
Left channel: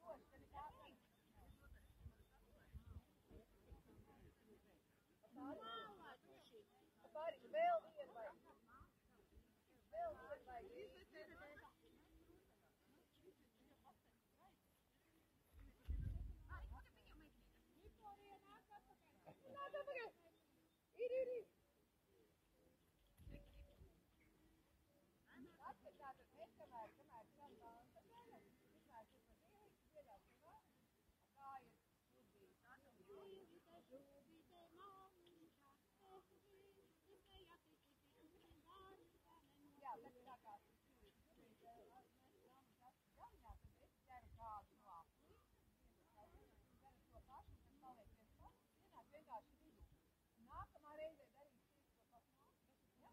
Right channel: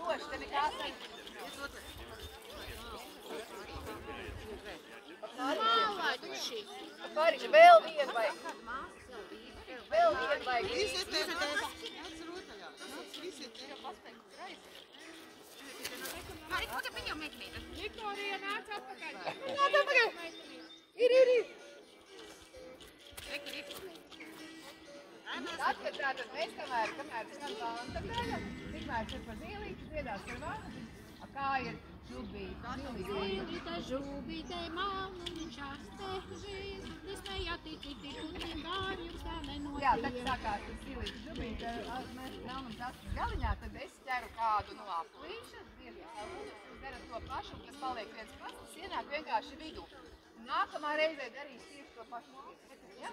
Roši, te nekās Malači. Pārīši, vēl vienu vajag. Vēl vienu vajag. Viktorija, nāc atpakaļ. Nāc atpakaļ. Ir. Tad, kad tātad mēs kamēr skan banda daļa, tikmēr ir par zīlīti, dziedās par vārdu. Kā ir žubīte? Zīlīte, žubīte, mauniņš astežīs, nesmējā ticīti, kunim vārjums tā nenotiek. Jā, tad sākās tas zīlīte, žubīte, mēs melnam tastas galiņā, tad es ķeru kādu no aplīša, jūs darat to pašu, kas paliek viens pats, tas ienāk vienkārši vidū. Nākamā reizē darīs tieši to pašu. Ja?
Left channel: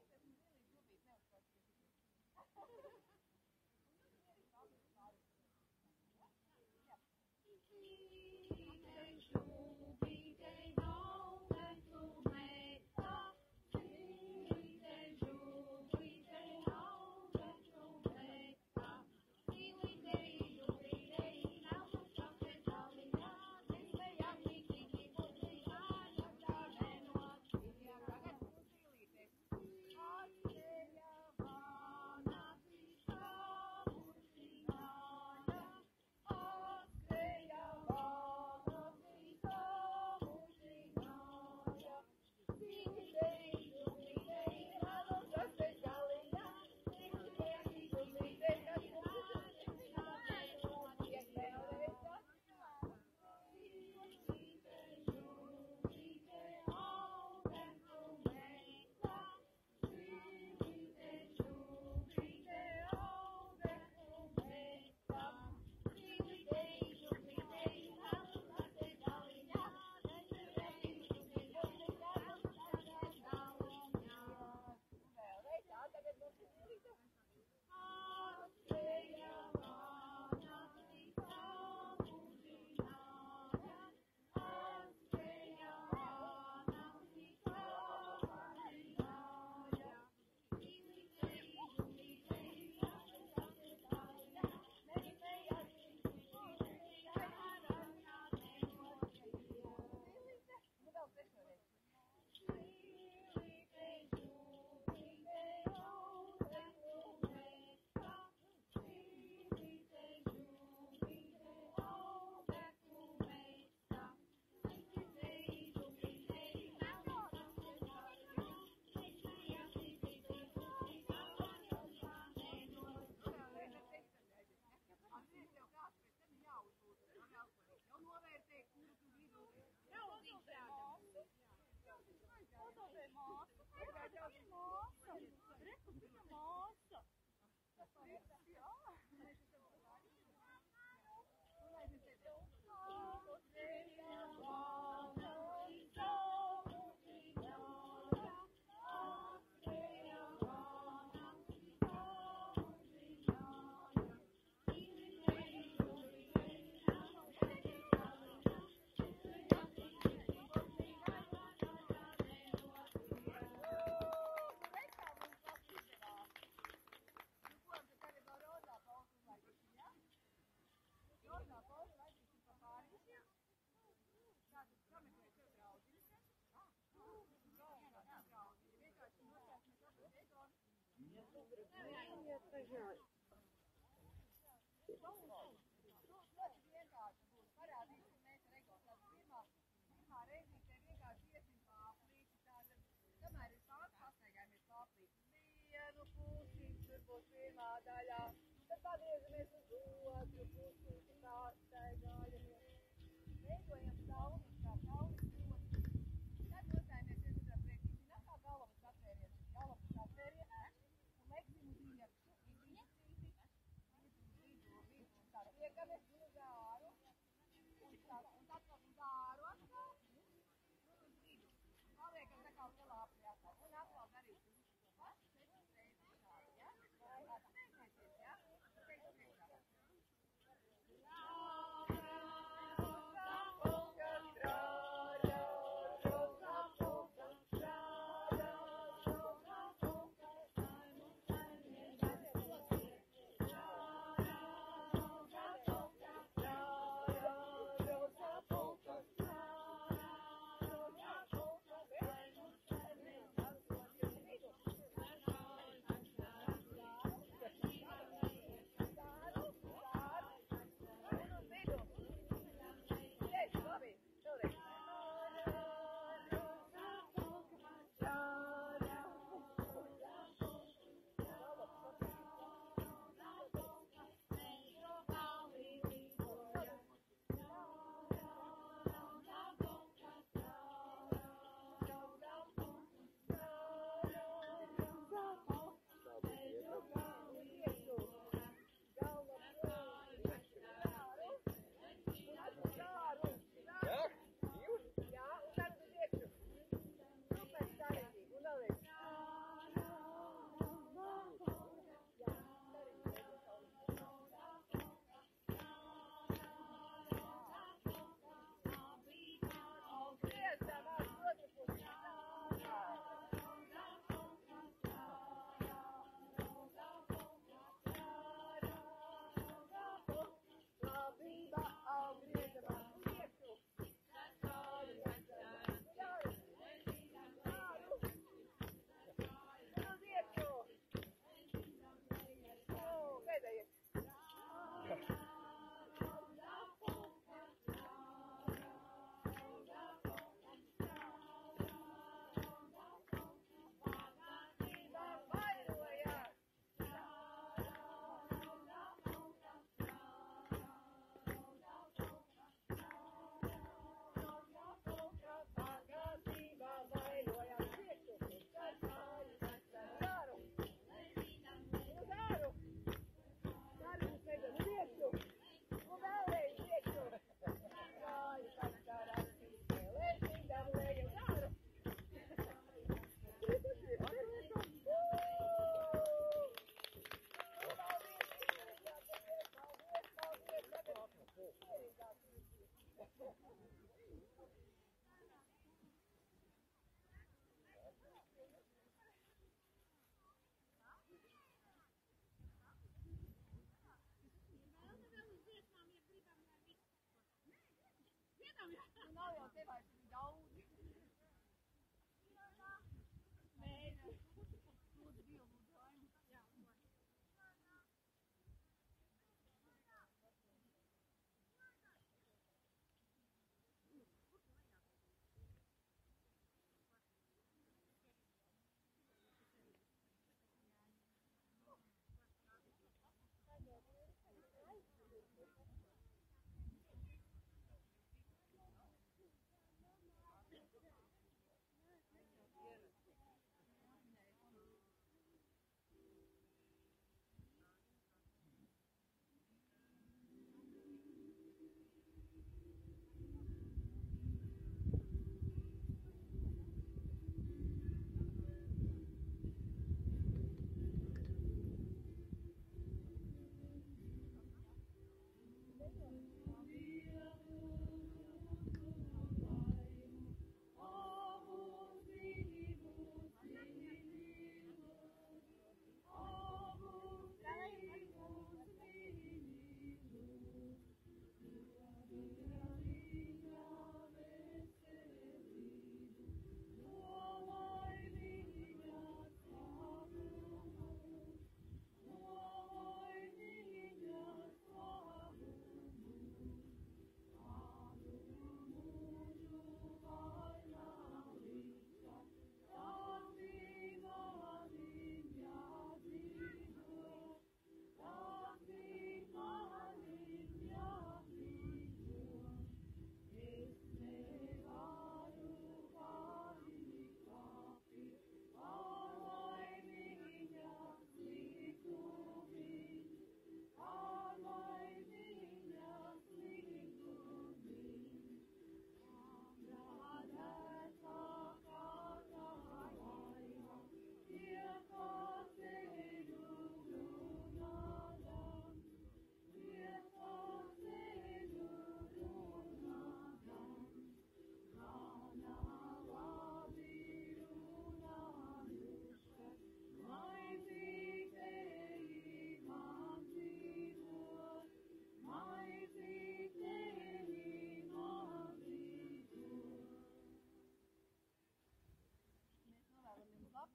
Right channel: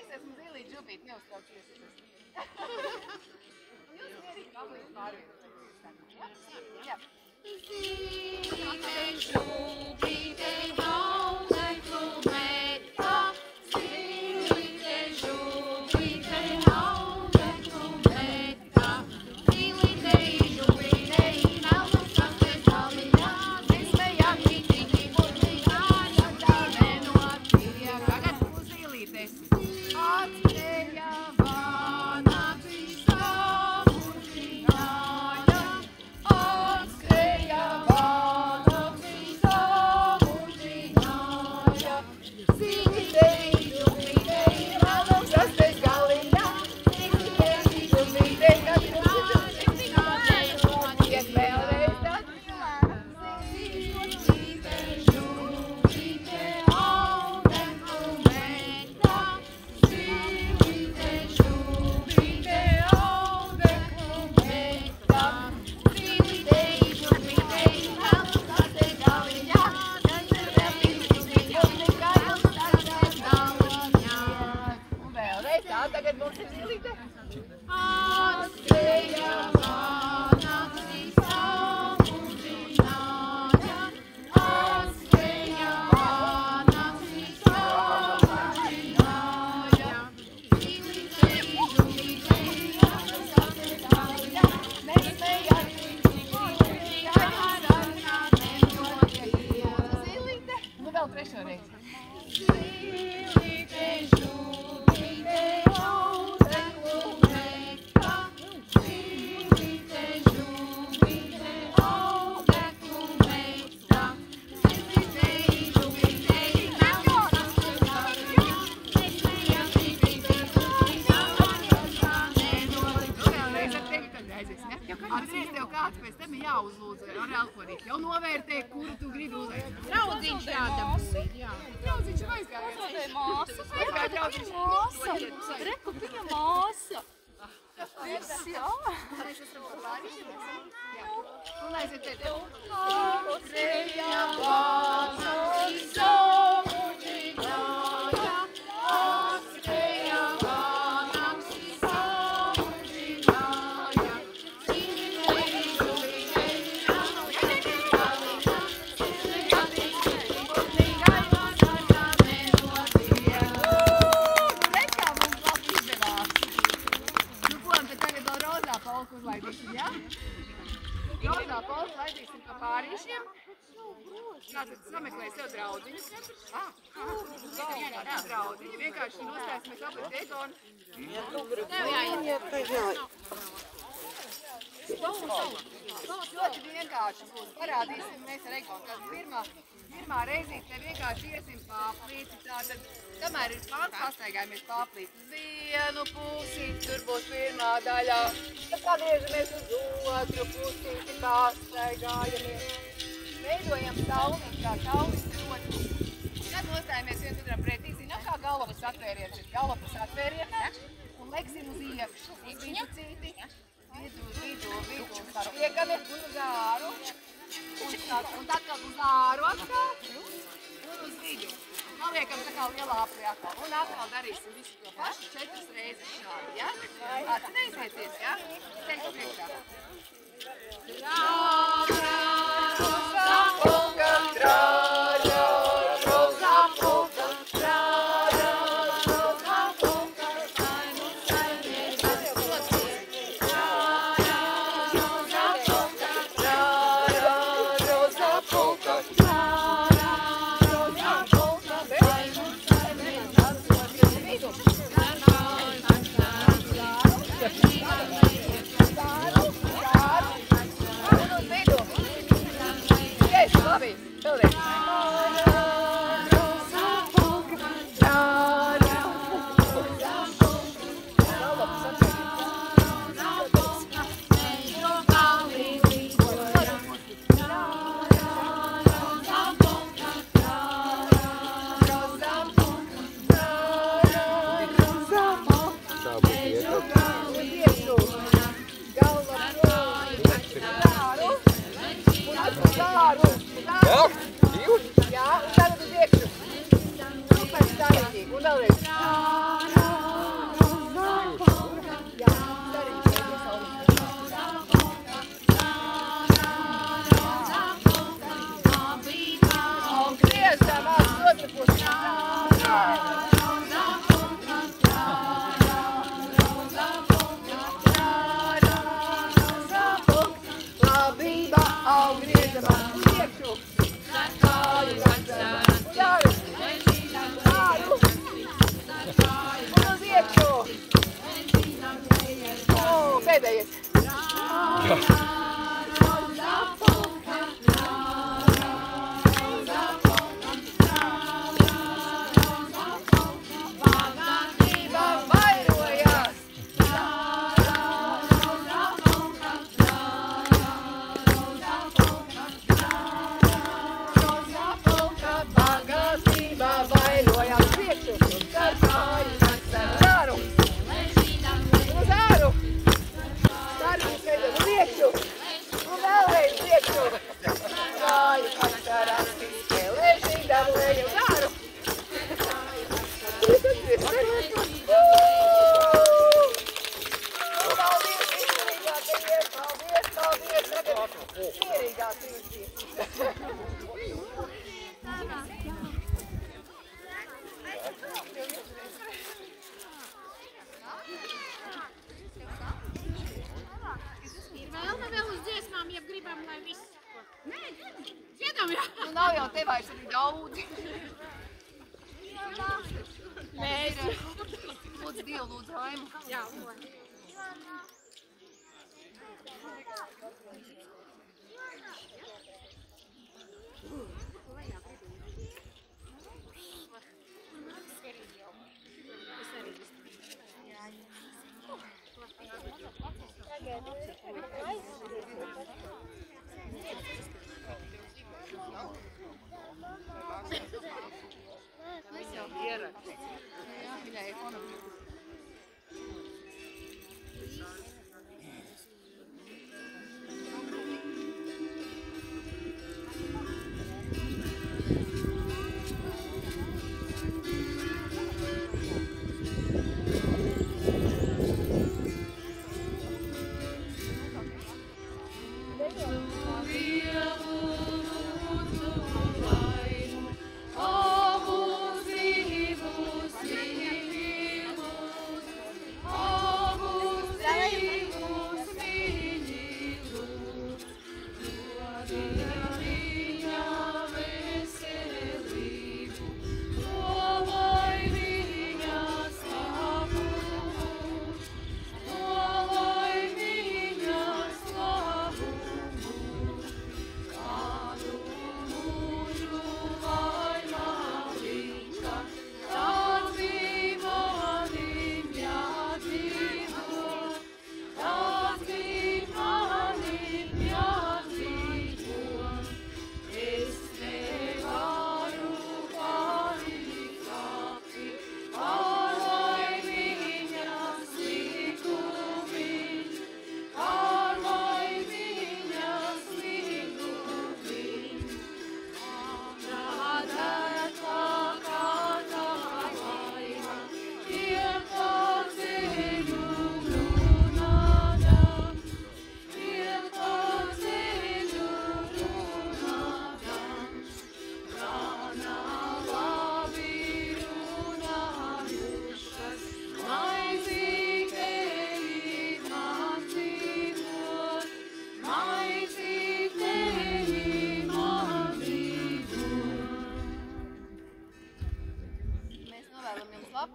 Es esmu zīlīte, žubīte, neuztraucies. Jūs mierīgi aplīši pārvietoties. Jā. Zīlīte, žubīte, haudeklu metā, zīlīte, žubīte, haudeklu metā, zīlīte, žubīte, melnas kastes galiņā, nesmējā ticīgi, burvīgāja, tā nenotiek. Tagad būs zīlītes. Atstējā vāna visā mužināja, atstējā vāna visā mužināja, zīlītei, žubītei, melnas kastes galiņā, zīlītei, žubītei, kad ir nenotiek vēlreiz tad. Zīlīte, žubīte, haudeklu metā, zīlīte, žubīte, haudeklu metā, zīlīte, žubīte, melnas kastes galiņā, nesmējā ticīgi, burvīgāja, tā nenotiek. Un vēlreiz tā, tagad mums ir zīlīte. Atstējā vāna visā mužināja, atstējā vāna visā mužināja, zīlītei, žubītei, melnas kastes galiņā, nesmējā ticīgi, burvīgāja, tā nenotiek. Zīlīte. Nu vēl trešo reizi. Zīlīte, žubīte, haudeklu metā, zīlīte, žubīte, haudeklu metā, zīlīte, žubīte, melnas kastes galiņā, nesmējā ticīgi, burvīgāja, tā nenotiek. Nu vēlreiz ar tevi tad aizies, ne? Atceries tev kāds pēc tam ir jāuzlūdz ar alkorīt. Jau novērtē, kuru tu gribi uzvērtēt. Draudzīņš jādabū, jā. Draudzīņš ir aizgājies. Māsa, Aizgāja draudzīņš. māsa, reku viņa māsa. Viss, jā. Mēs esam par vārīšiem. Jā. Un aiziet te tev. Atstējā vāna visā mužināja, atstējā vāna visā mužināja, zīlītei, žubītei, melnas kastes galiņā, nesmējā ticīgi, burvīgāja, tā nenotiek. Redz, kā mums labi izdevās. Nu, ko, tad tagad vēl rozā polku uzlaidīsim, jā? Rozā polku laidīsim pa pārīšiem. Tātad sameklēj sev draudziņus katrs. Jā, draudziņi. Vienkārši nostāsimies apret Egonu. Tev jāiet. Ļoti vienkārši būs. Parādīsim mēs ar Egonu. Tad pirmā reizīte te vienkārši iesim pāplīti. Tātad, kamēr ir pāns, pastaigājamies pāplīti uz vienu pusi. Tur būs pirmā daļā. Tad pagriežamies uz otru pusi, pastaigājamies. Veidojam sauniņu, kā saunis roķi. Tad nostājamies viens otram pretī. Zinām, kā galvas atvēriens ir. Galvas atvēriens un leksim uz iekšu. Uz vidu cīti. Vidu. Liekamies un uz āru. Un tad uz āru atkal. Un uz vidu. Noliekam tā kā lielā aplī atkal. Un atkal darīsim visu to pašu 4 reizes šādi, ja? Atcerēsieties, ja? Teikšu priekšā. Un vēlreiz. Jā, darīt pēdējais saulīt. Un griezam uz otru pusi. Labība aug griezamā uz priekšu. Jāru. Un uz iekšu. Pēdējais. Bagātība vairojās. Bagātība vairojās. Priekšu. Jāru. Uz āru. Darbības veidot uz iekšu. Un vēlreiz priekšu. Kāju pašķērās. Spēlēšīgi dabulēju uz āru. Paldies, izturīgākajiem. Paldies, paldies. Tagad mierīgāk jūs. Ir vēlme vēl uz dziesmām, ja gribam, lai viss. Nē, dziedam, jā. Nu nav jau te vairs arī daudzi. Mēs. Lūdzu Dievu, lūdzu Raimu. Jā, Es jau ierakstu. Jā, viņai ir fonogrāfija.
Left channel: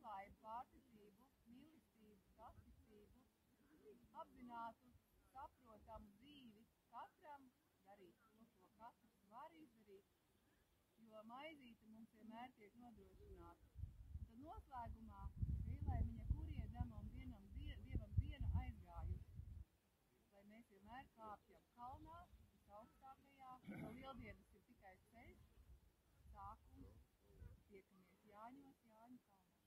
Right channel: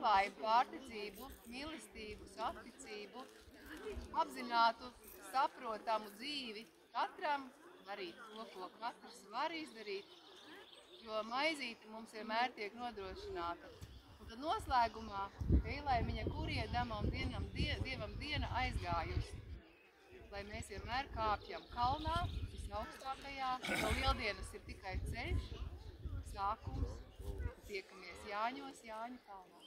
labklājību, pārticību, mīlestību, saticību, apzinātu, saprotamu dzīvi katram, darīt to, ko katrs var izdarīt, jo maizīte mums vienmēr tiek nodrošināta. Un tad noslēgumā Eilaimiņa kuriedamam dievam diena aizgājusi, lai mēs vienmēr kāpjam kalnā, visaugstākajā, jo lieldienas ir tikai ceļš, sākums, tiekamies Jāņos, Jāņu kalnā.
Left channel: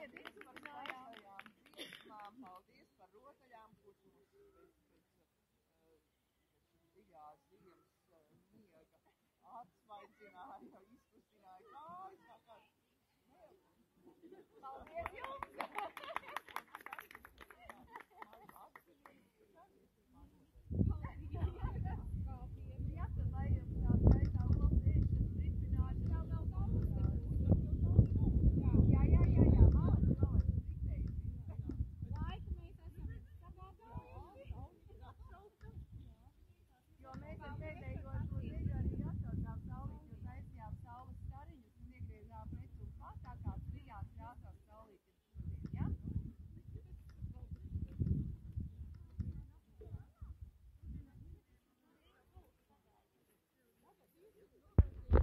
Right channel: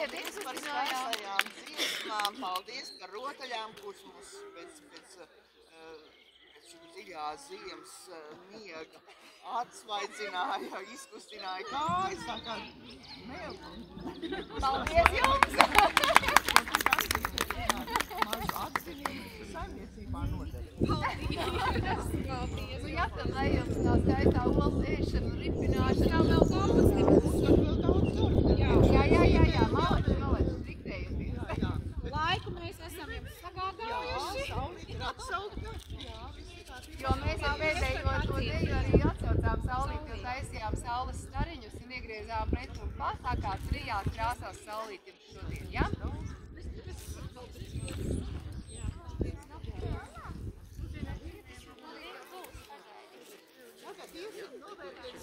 mazliet Paldies par izkustinājām. skaistajām dziesmām, paldies par rotaļām, kuras mums pēc šī dziļā ziemas miega atsvaidzināja, izkustināja kājas, tā kā Paldies jums! mazu atziņu saimniecībā nodara. Nu, ja tad, lai jums tā skaistā olas ēšana, ripināšana. Jau vēl daudz nebūs. Vēl daudz darba. Jā, malec, diktējoties. Laiku mēs esam jums sagādājuši. Saulīt ir atsaukta. Jo mēs ar pēdējo to deju arī atsaucām saulīt, jo taisījām saules stariņus un iegriezām pret un pat, tā kā trijās krāsās saulīt jums šodien, ja?